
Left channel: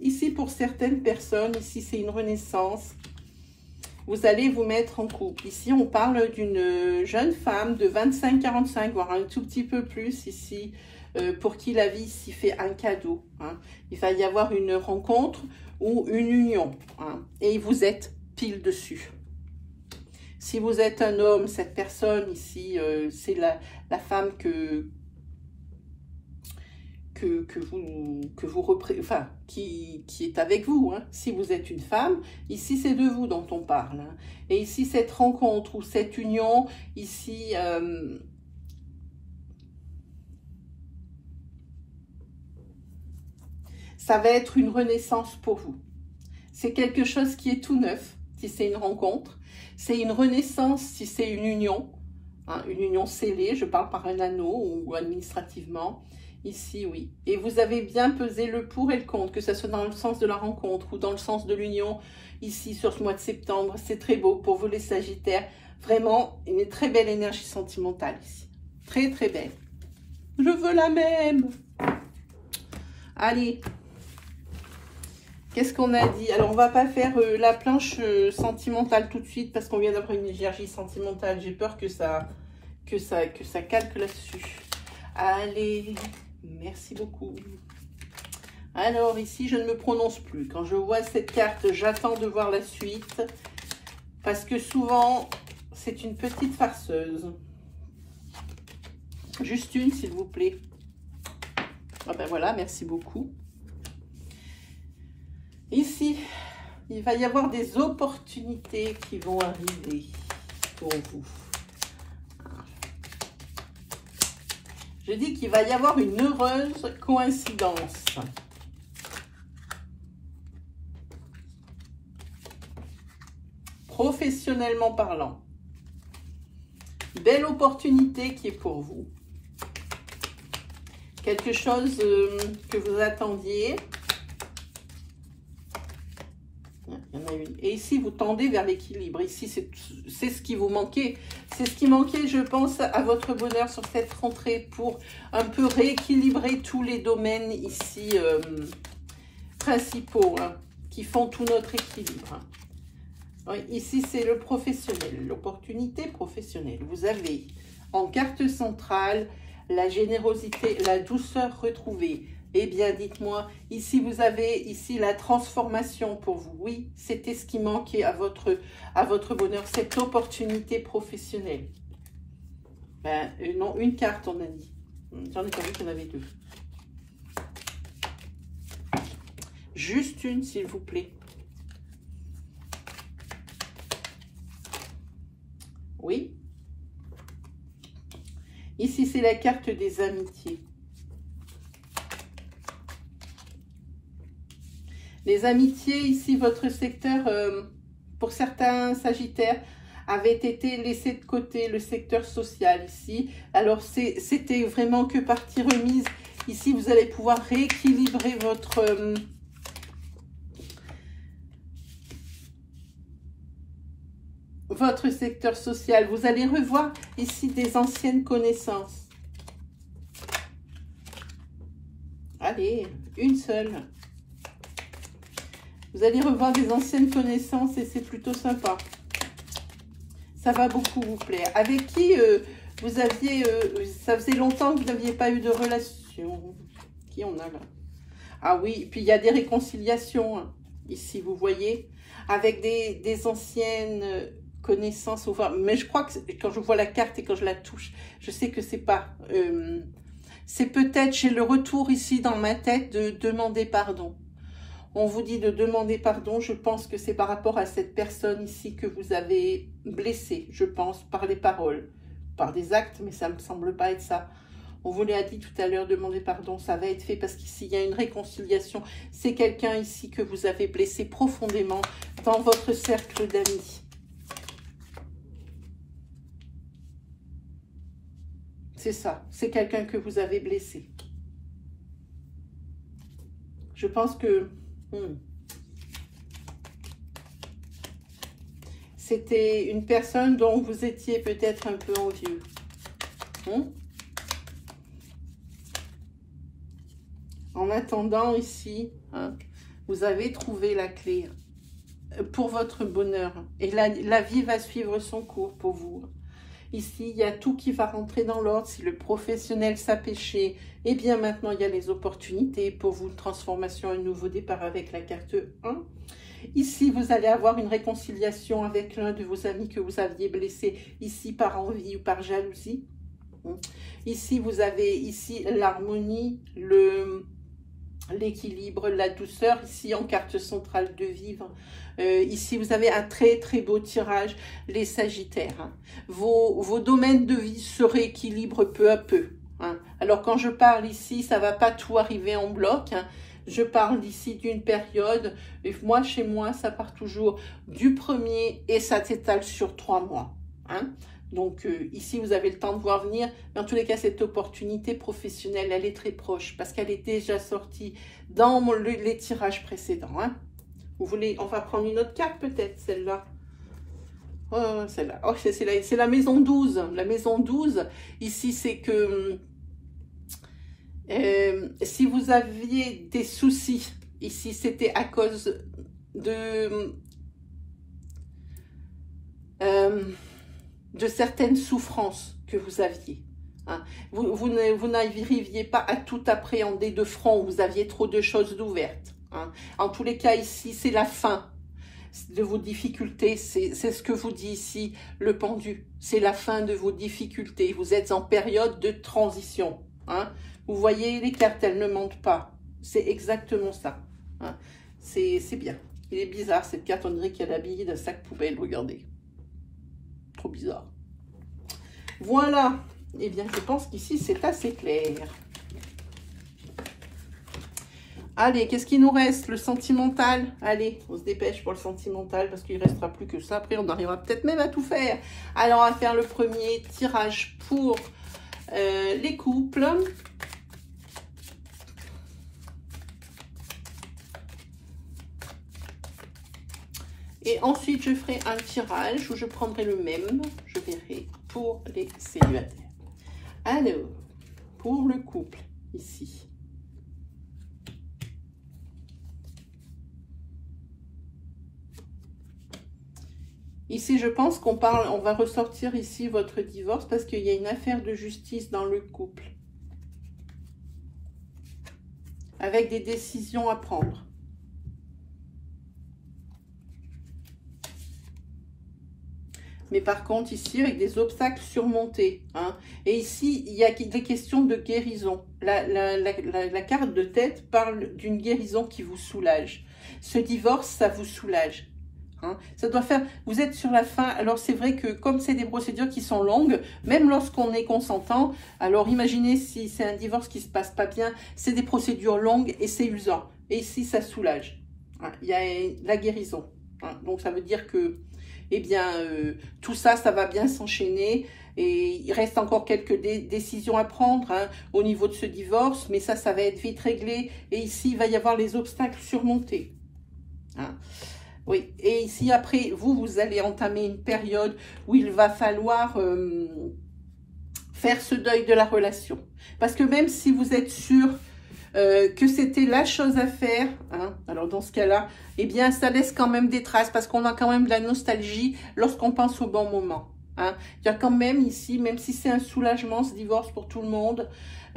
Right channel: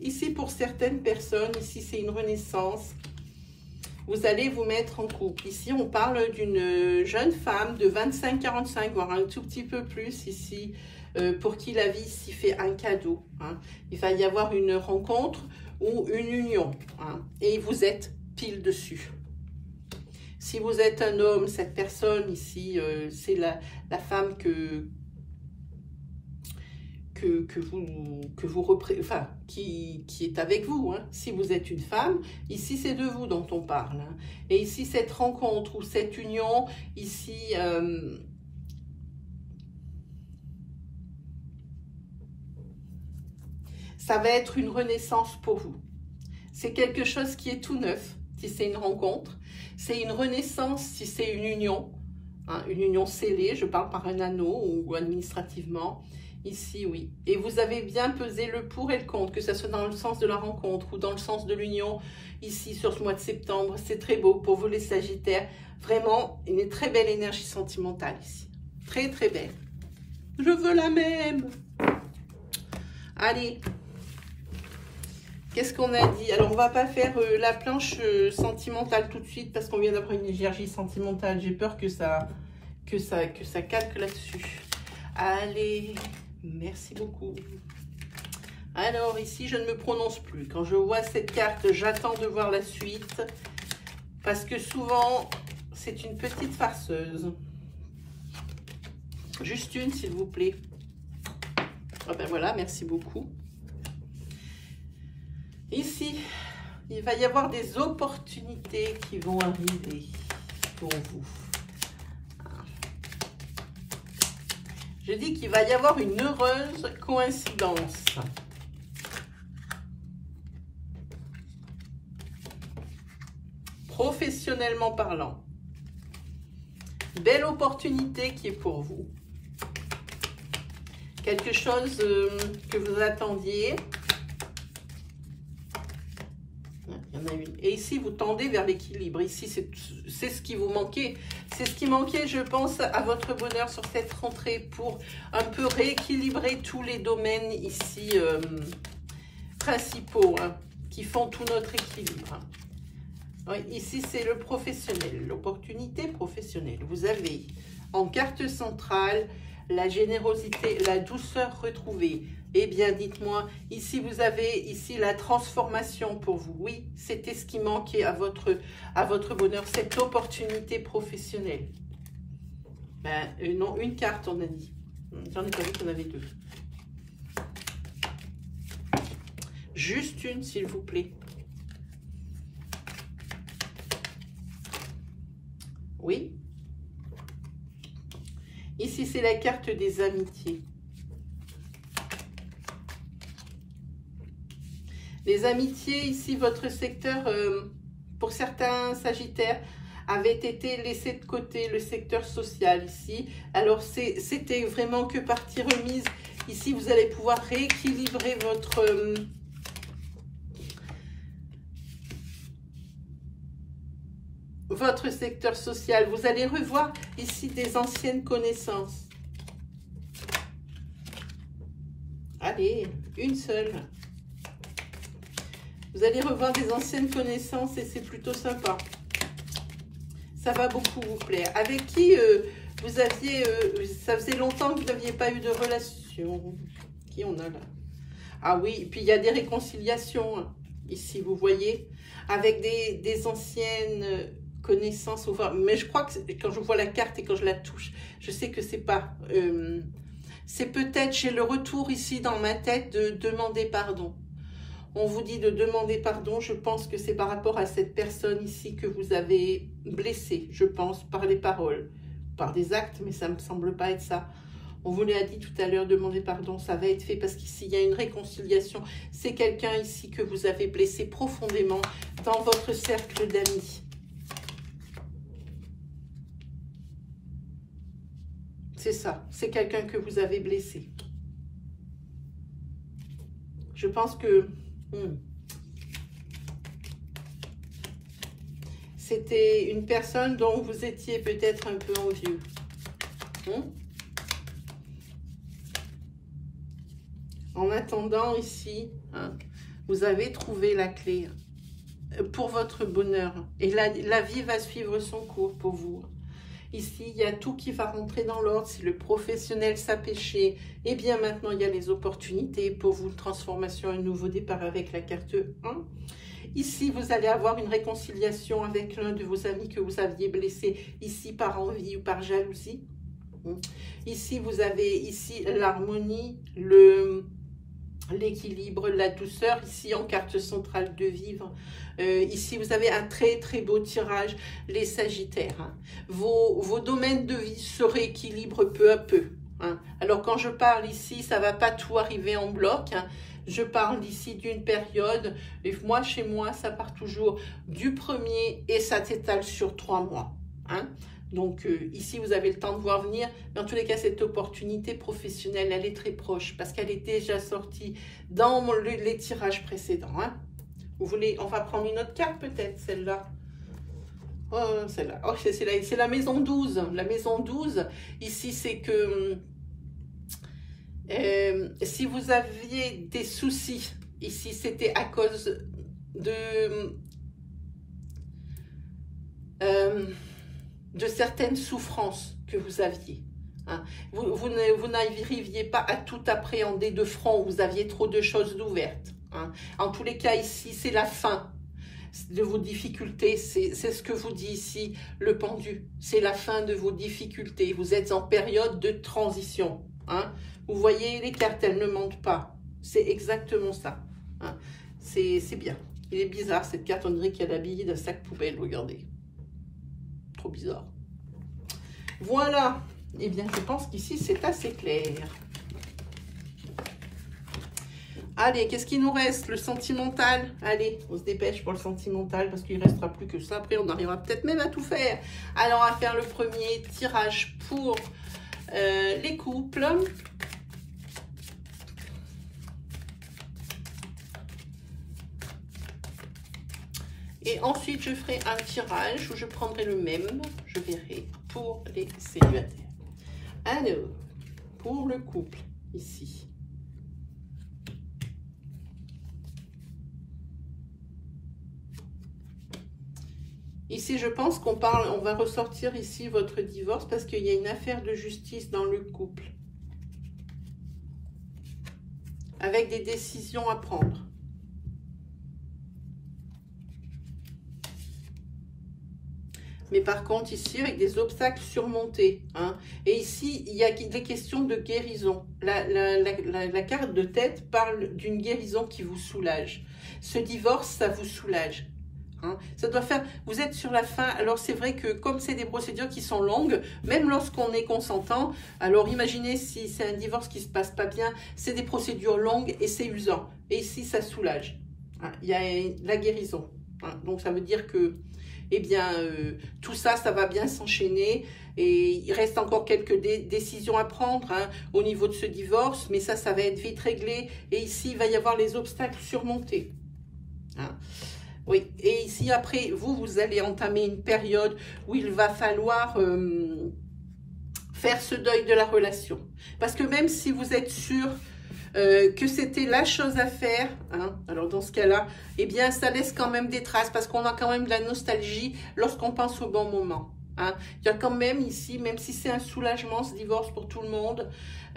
Ici, pour certaines personnes, ici, c'est une renaissance. Vous allez vous mettre en couple. Ici, on parle d'une jeune femme de 25-45, voire un tout petit peu plus ici, pour qui la vie ici fait un cadeau. Hein. Il va y avoir une rencontre ou une union. Hein, et vous êtes pile dessus. Si vous êtes un homme, cette personne ici, c'est la femme qui est avec vous. Hein. Si vous êtes une femme, ici c'est de vous dont on parle. Hein. Et ici cette rencontre ou cette union, ici, ça va être une renaissance pour vous. C'est quelque chose qui est tout neuf, si c'est une rencontre. C'est une renaissance si c'est une union scellée, je parle par un anneau ou administrativement. Ici, oui. Et vous avez bien pesé le pour et le contre, que ce soit dans le sens de la rencontre ou dans le sens de l'union, ici, sur ce mois de septembre. C'est très beau pour vous, les Sagittaires. Vraiment, une très belle énergie sentimentale ici. Très, très belle. Je veux la même. Allez. Qu'est-ce qu'on a dit? Alors, on va pas faire la planche sentimentale tout de suite parce qu'on vient d'avoir une énergie sentimentale. J'ai peur que ça calque là-dessus. Allez, merci beaucoup. Alors, ici, je ne me prononce plus. Quand je vois cette carte, j'attends de voir la suite parce que souvent, c'est une petite farceuse. Juste une, s'il vous plaît. Ah ben voilà, merci beaucoup. Ici, il va y avoir des opportunités qui vont arriver pour vous. Je dis qu'il va y avoir une heureuse coïncidence. Professionnellement parlant. Belle opportunité qui est pour vous. Quelque chose que vous attendiez. Il y en a une. Et ici, vous tendez vers l'équilibre. Ici, c'est ce qui vous manquait. C'est ce qui manquait, je pense, à votre bonheur sur cette rentrée pour un peu rééquilibrer tous les domaines ici principaux hein, qui font tout notre équilibre. Oui, ici, c'est le professionnel, l'opportunité professionnelle. Vous avez en carte centrale la générosité, la douceur retrouvée. Eh bien, dites-moi, ici, vous avez ici la transformation pour vous. Oui, c'était ce qui manquait à votre bonheur, cette opportunité professionnelle. Ben, non, une carte, on a dit. J'en ai pas vu qu'on avait deux. Juste une, s'il vous plaît. Oui. Ici, c'est la carte des amitiés. Les amitiés, ici, votre secteur, pour certains Sagittaires, avait été laissé de côté, le secteur social ici. Alors, c'était vraiment que partie remise. Ici, vous allez pouvoir rééquilibrer votre secteur social. Vous allez revoir ici des anciennes connaissances. Allez, une seule. Vous allez revoir des anciennes connaissances et c'est plutôt sympa. Ça va beaucoup vous plaire. Avec qui vous aviez... ça faisait longtemps que vous n'aviez pas eu de relation. Qui on a là? Ah oui, et puis il y a des réconciliations. Hein, ici, vous voyez. Avec des anciennes connaissances. Mais je crois que quand je vois la carte et quand je la touche, je sais que c'est pas... c'est peut-être chez le retour ici dans ma tête de demander pardon. On vous dit de demander pardon, je pense que c'est par rapport à cette personne ici que vous avez blessé, je pense, par les paroles, par des actes, mais ça ne me semble pas être ça. On vous l'a dit tout à l'heure, demander pardon, ça va être fait parce qu'ici, il y a une réconciliation. C'est quelqu'un ici que vous avez blessé profondément dans votre cercle d'amis. c'est ça. C'est quelqu'un que vous avez blessé. Je pense que c'était une personne dont vous étiez peut-être un peu envieux. En attendant ici, vous avez trouvé la clé pour votre bonheur. Et la vie va suivre son cours pour vous. Ici, il y a tout qui va rentrer dans l'ordre. Si le professionnel s'apêchait, et bien maintenant, il y a les opportunités pour vous, une transformation, un nouveau départ avec la carte 1. Ici, vous allez avoir une réconciliation avec l'un de vos amis que vous aviez blessé, ici par envie ou par jalousie. Ici, vous avez ici l'harmonie, l'équilibre, la douceur, ici en carte centrale de vivre. Ici, vous avez un très très beau tirage, les Sagittaires. Vos domaines de vie se rééquilibrent peu à peu. Alors, quand je parle ici, ça ne va pas tout arriver en bloc. Je parle ici d'une période, et moi, chez moi, ça part toujours du 1er et ça s'étale sur 3 mois. Donc, ici, vous avez le temps de voir venir. Mais en tous les cas, cette opportunité professionnelle, elle est très proche parce qu'elle est déjà sortie dans les tirages précédents. Vous voulez, on va prendre une autre carte peut-être, celle-là. Oh, celle-là. Oh, c'est la maison 12. La maison 12, ici, c'est que si vous aviez des soucis, ici, c'était à cause de certaines souffrances que vous aviez. Vous n'arriviez pas à tout appréhender de front, vous aviez trop de choses ouvertes. En tous les cas, ici, c'est la fin de vos difficultés. C'est ce que vous dit ici le pendu. C'est la fin de vos difficultés. Vous êtes en période de transition. Vous voyez, les cartes, elles ne mentent pas. C'est exactement ça. C'est bien. Il est bizarre, cette carte. On dirait qu'elle est habillée d'un sac poubelle. Regardez. Trop bizarre. Voilà. Eh bien, je pense qu'ici, c'est assez clair. Allez, qu'est-ce qu'il nous reste? Le sentimental. Allez, on se dépêche pour le sentimental parce qu'il ne restera plus que ça. Après, on arrivera peut-être même à tout faire. Alors, on va faire le premier tirage pour les couples. Et ensuite, je ferai un tirage où je prendrai le même, je verrai, pour les célibataires. Alors, pour le couple, ici. Ici, je pense qu'on va ressortir ici votre divorce parce qu'il y a une affaire de justice dans le couple. Avec des décisions à prendre. Mais par contre, ici, avec des obstacles surmontés. Et ici, il y a des questions de guérison. La carte de tête parle d'une guérison qui vous soulage. Ce divorce, ça vous soulage. Ça doit faire... Vous êtes sur la fin. Alors, c'est vrai que comme c'est des procédures qui sont longues, même lorsqu'on est consentant, alors imaginez si c'est un divorce qui ne se passe pas bien, c'est des procédures longues et c'est usant. Et ici, ça soulage. Il y a la guérison. Donc, ça veut dire que eh bien, tout ça, ça va bien s'enchaîner. Et il reste encore quelques décisions à prendre au niveau de ce divorce. Mais ça va être vite réglé. Et ici, il va y avoir les obstacles surmontés. Oui. Et ici, après, vous allez entamer une période où il va falloir faire ce deuil de la relation. Parce que même si vous êtes sûr que c'était la chose à faire, alors dans ce cas-là, eh bien, ça laisse quand même des traces parce qu'on a quand même de la nostalgie lorsqu'on pense au bon moment. Il y a quand même ici, même si c'est un soulagement, ce divorce pour tout le monde,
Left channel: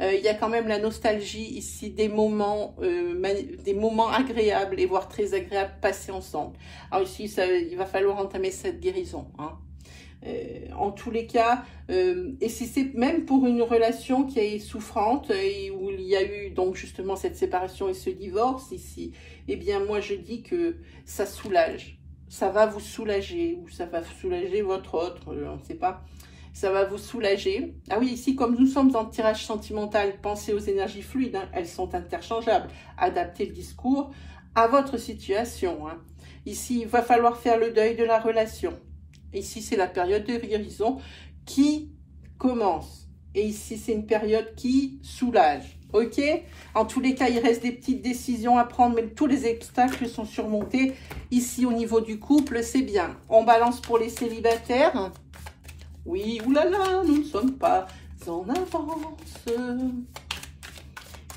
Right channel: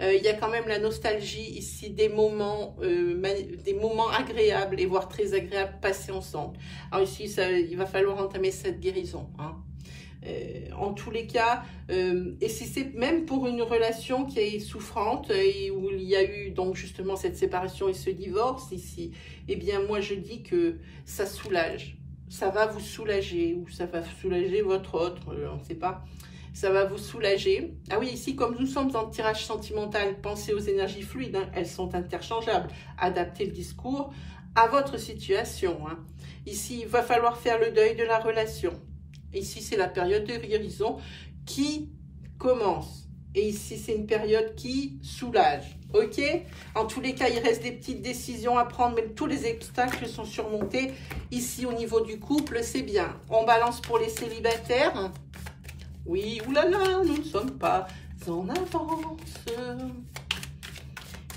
il y a quand même la nostalgie ici des moments agréables et voire très agréables passés ensemble. Alors ici, il va falloir entamer cette guérison. En tous les cas, et si c'est même pour une relation qui est souffrante et où il y a eu donc justement cette séparation et ce divorce ici, eh bien moi je dis que ça soulage, ça va vous soulager ou ça va soulager votre autre, on ne sait pas, ça va vous soulager. Ah oui, ici comme nous sommes en tirage sentimental, pensez aux énergies fluides, elles sont interchangeables, adaptez le discours à votre situation. Ici il va falloir faire le deuil de la relation. Ici, c'est la période de guérison qui commence. Et ici, c'est une période qui soulage. Ok? En tous les cas, il reste des petites décisions à prendre, mais tous les obstacles sont surmontés. Ici, au niveau du couple, c'est bien. On balance pour les célibataires. Oui, oulala, nous ne sommes pas en avance.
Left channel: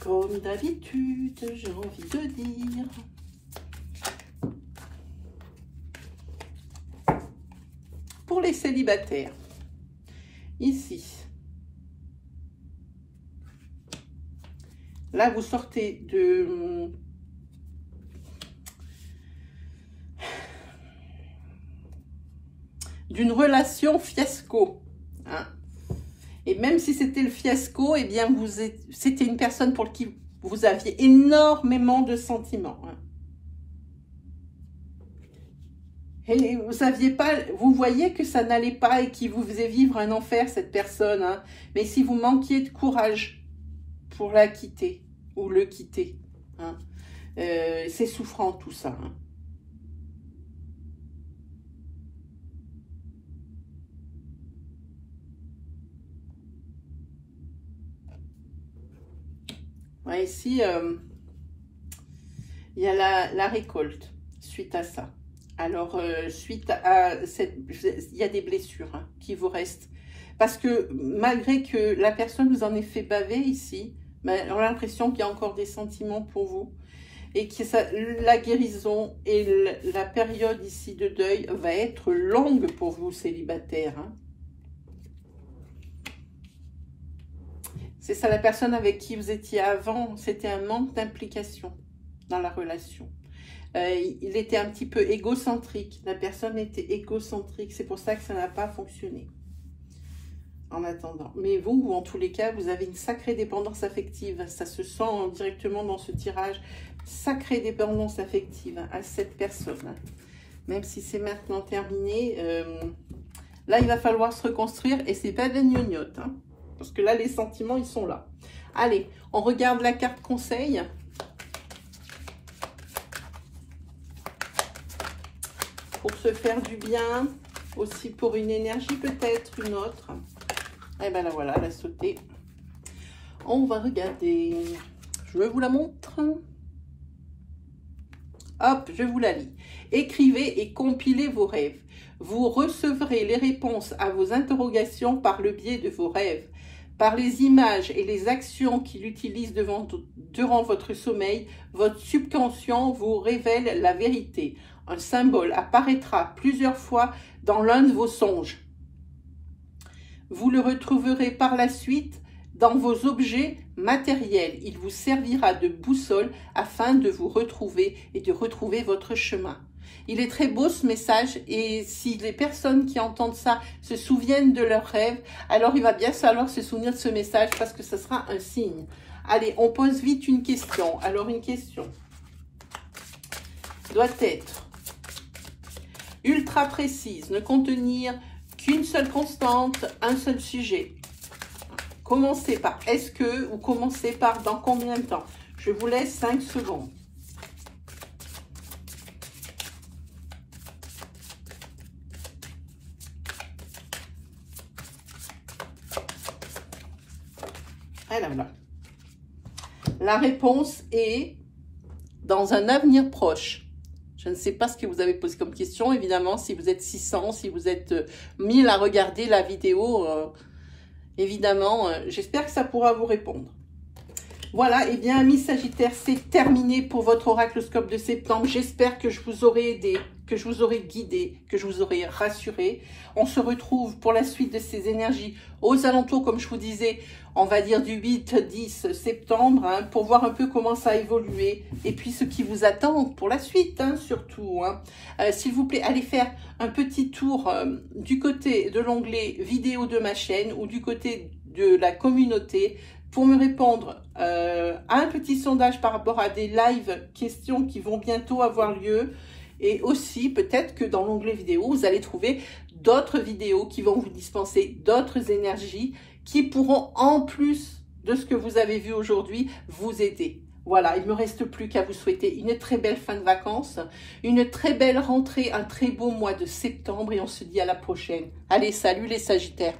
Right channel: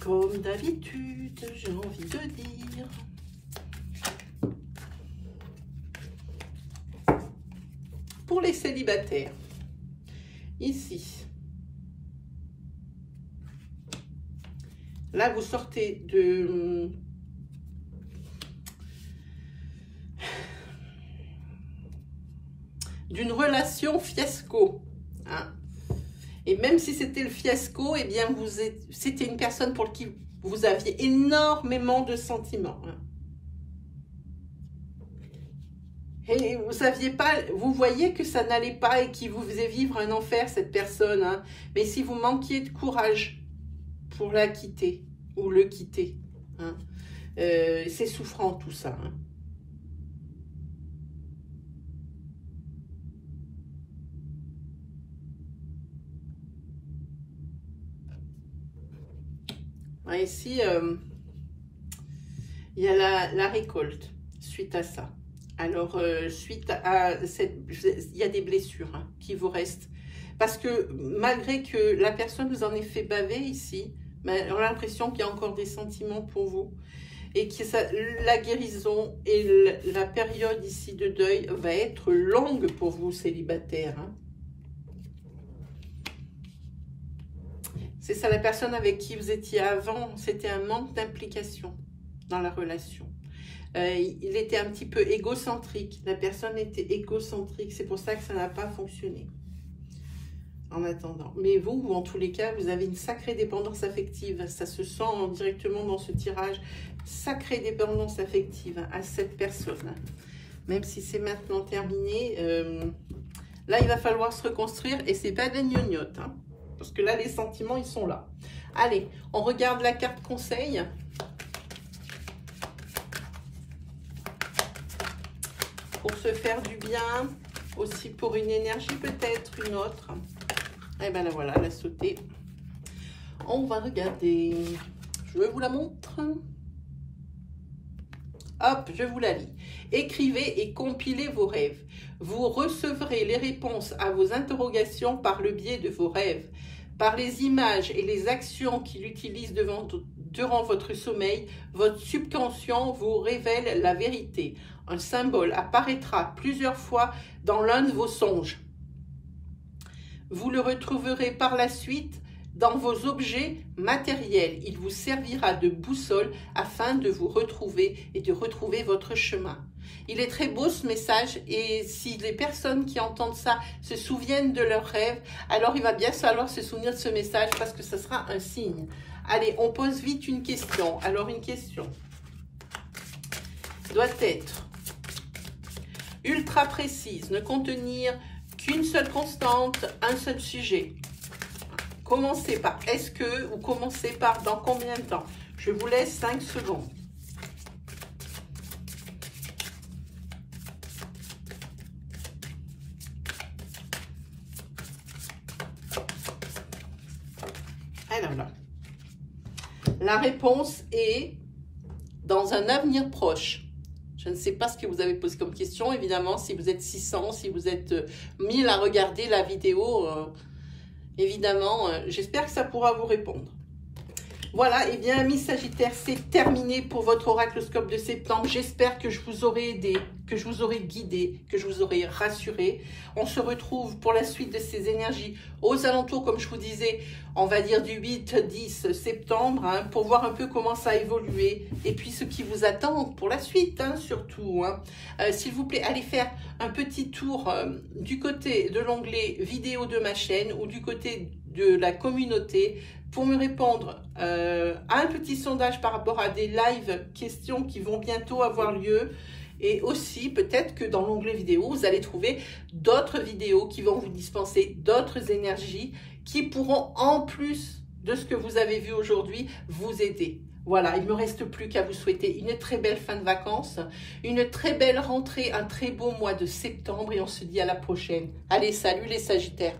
Comme d'habitude, j'ai envie de dire. Pour les célibataires, ici. Là, vous sortez d'une relation fiasco. Hein. Et même si c'était le fiasco, eh bien, c'était une personne pour qui vous aviez énormément de sentiments. Hein. Et vous voyez que ça n'allait pas et qu'il vous faisait vivre un enfer, cette personne. Hein. Mais si vous manquiez de courage pour la quitter ou le quitter, hein, c'est souffrant tout ça. Hein. Ouais, ici, il y a la récolte suite à ça. Alors, suite à il y a des blessures hein, qui vous restent. Parce que malgré que la personne vous en ait fait baver ici, mais on a l'impression qu'il y a encore des sentiments pour vous. Et que la guérison et la période ici de deuil va être longue pour vous, célibataires. Hein. C'est ça, la personne avec qui vous étiez avant, c'était un manque d'implication dans la relation. Il était un petit peu égocentrique. La personne était égocentrique. C'est pour ça que ça n'a pas fonctionné. En attendant. Mais vous, en tous les cas, vous avez une sacrée dépendance affective. Ça se sent directement dans ce tirage. Sacrée dépendance affective hein, à cette personne. Hein. Même si c'est maintenant terminé, là, il va falloir se reconstruire. Et c'est pas des gnognottes. Hein, parce que là, les sentiments, ils sont là. Allez, on regarde la carte conseil. Pour se faire du bien. Aussi pour une énergie peut-être, une autre. Et ben là, voilà, elle a sauté. On va regarder. Je vous la montre. Hop, je vous la lis. Écrivez et compilez vos rêves. Vous recevrez les réponses à vos interrogations par le biais de vos rêves. Par les images et les actions qu'il utilise durant votre sommeil, votre subconscient vous révèle la vérité. Un symbole apparaîtra plusieurs fois dans l'un de vos songes. Vous le retrouverez par la suite dans vos objets matériels. Il vous servira de boussole afin de vous retrouver et de retrouver votre chemin. Il est très beau ce message et si les personnes qui entendent ça se souviennent de leurs rêves, alors il va bien falloir se souvenir de ce message parce que ce sera un signe. Allez, on pose vite une question. Alors une question doit être ultra précise, ne contenir qu'une seule constante, un seul sujet. Commencez par est-ce que ou commencez par dans combien de temps. Je vous laisse 5 secondes. Alors là, la réponse est dans un avenir proche. Je ne sais pas ce que vous avez posé comme question, évidemment, si vous êtes 600, si vous êtes 1000 à regarder la vidéo, évidemment, j'espère que ça pourra vous répondre. Voilà, et bien, amis Sagittaires, c'est terminé pour votre oracloscope de septembre. J'espère que je vous aurai aidé, que je vous aurai guidé, que je vous aurai rassuré. On se retrouve pour la suite de ces énergies aux alentours, comme je vous disais, on va dire du 8-10 septembre, hein, pour voir un peu comment ça a évolué et puis ce qui vous attend pour la suite, hein, surtout. Hein. S'il vous plaît, allez faire un petit tour du côté de l'onglet vidéo de ma chaîne ou du côté de la communauté pour me répondre à un petit sondage par rapport à des live questions qui vont bientôt avoir lieu. Et aussi, peut-être que dans l'onglet vidéo, vous allez trouver d'autres vidéos qui vont vous dispenser d'autres énergies qui pourront, en plus de ce que vous avez vu aujourd'hui, vous aider. Voilà, il ne me reste plus qu'à vous souhaiter une très belle fin de vacances, une très belle rentrée, un très beau mois de septembre et on se dit à la prochaine. Allez, salut les Sagittaires!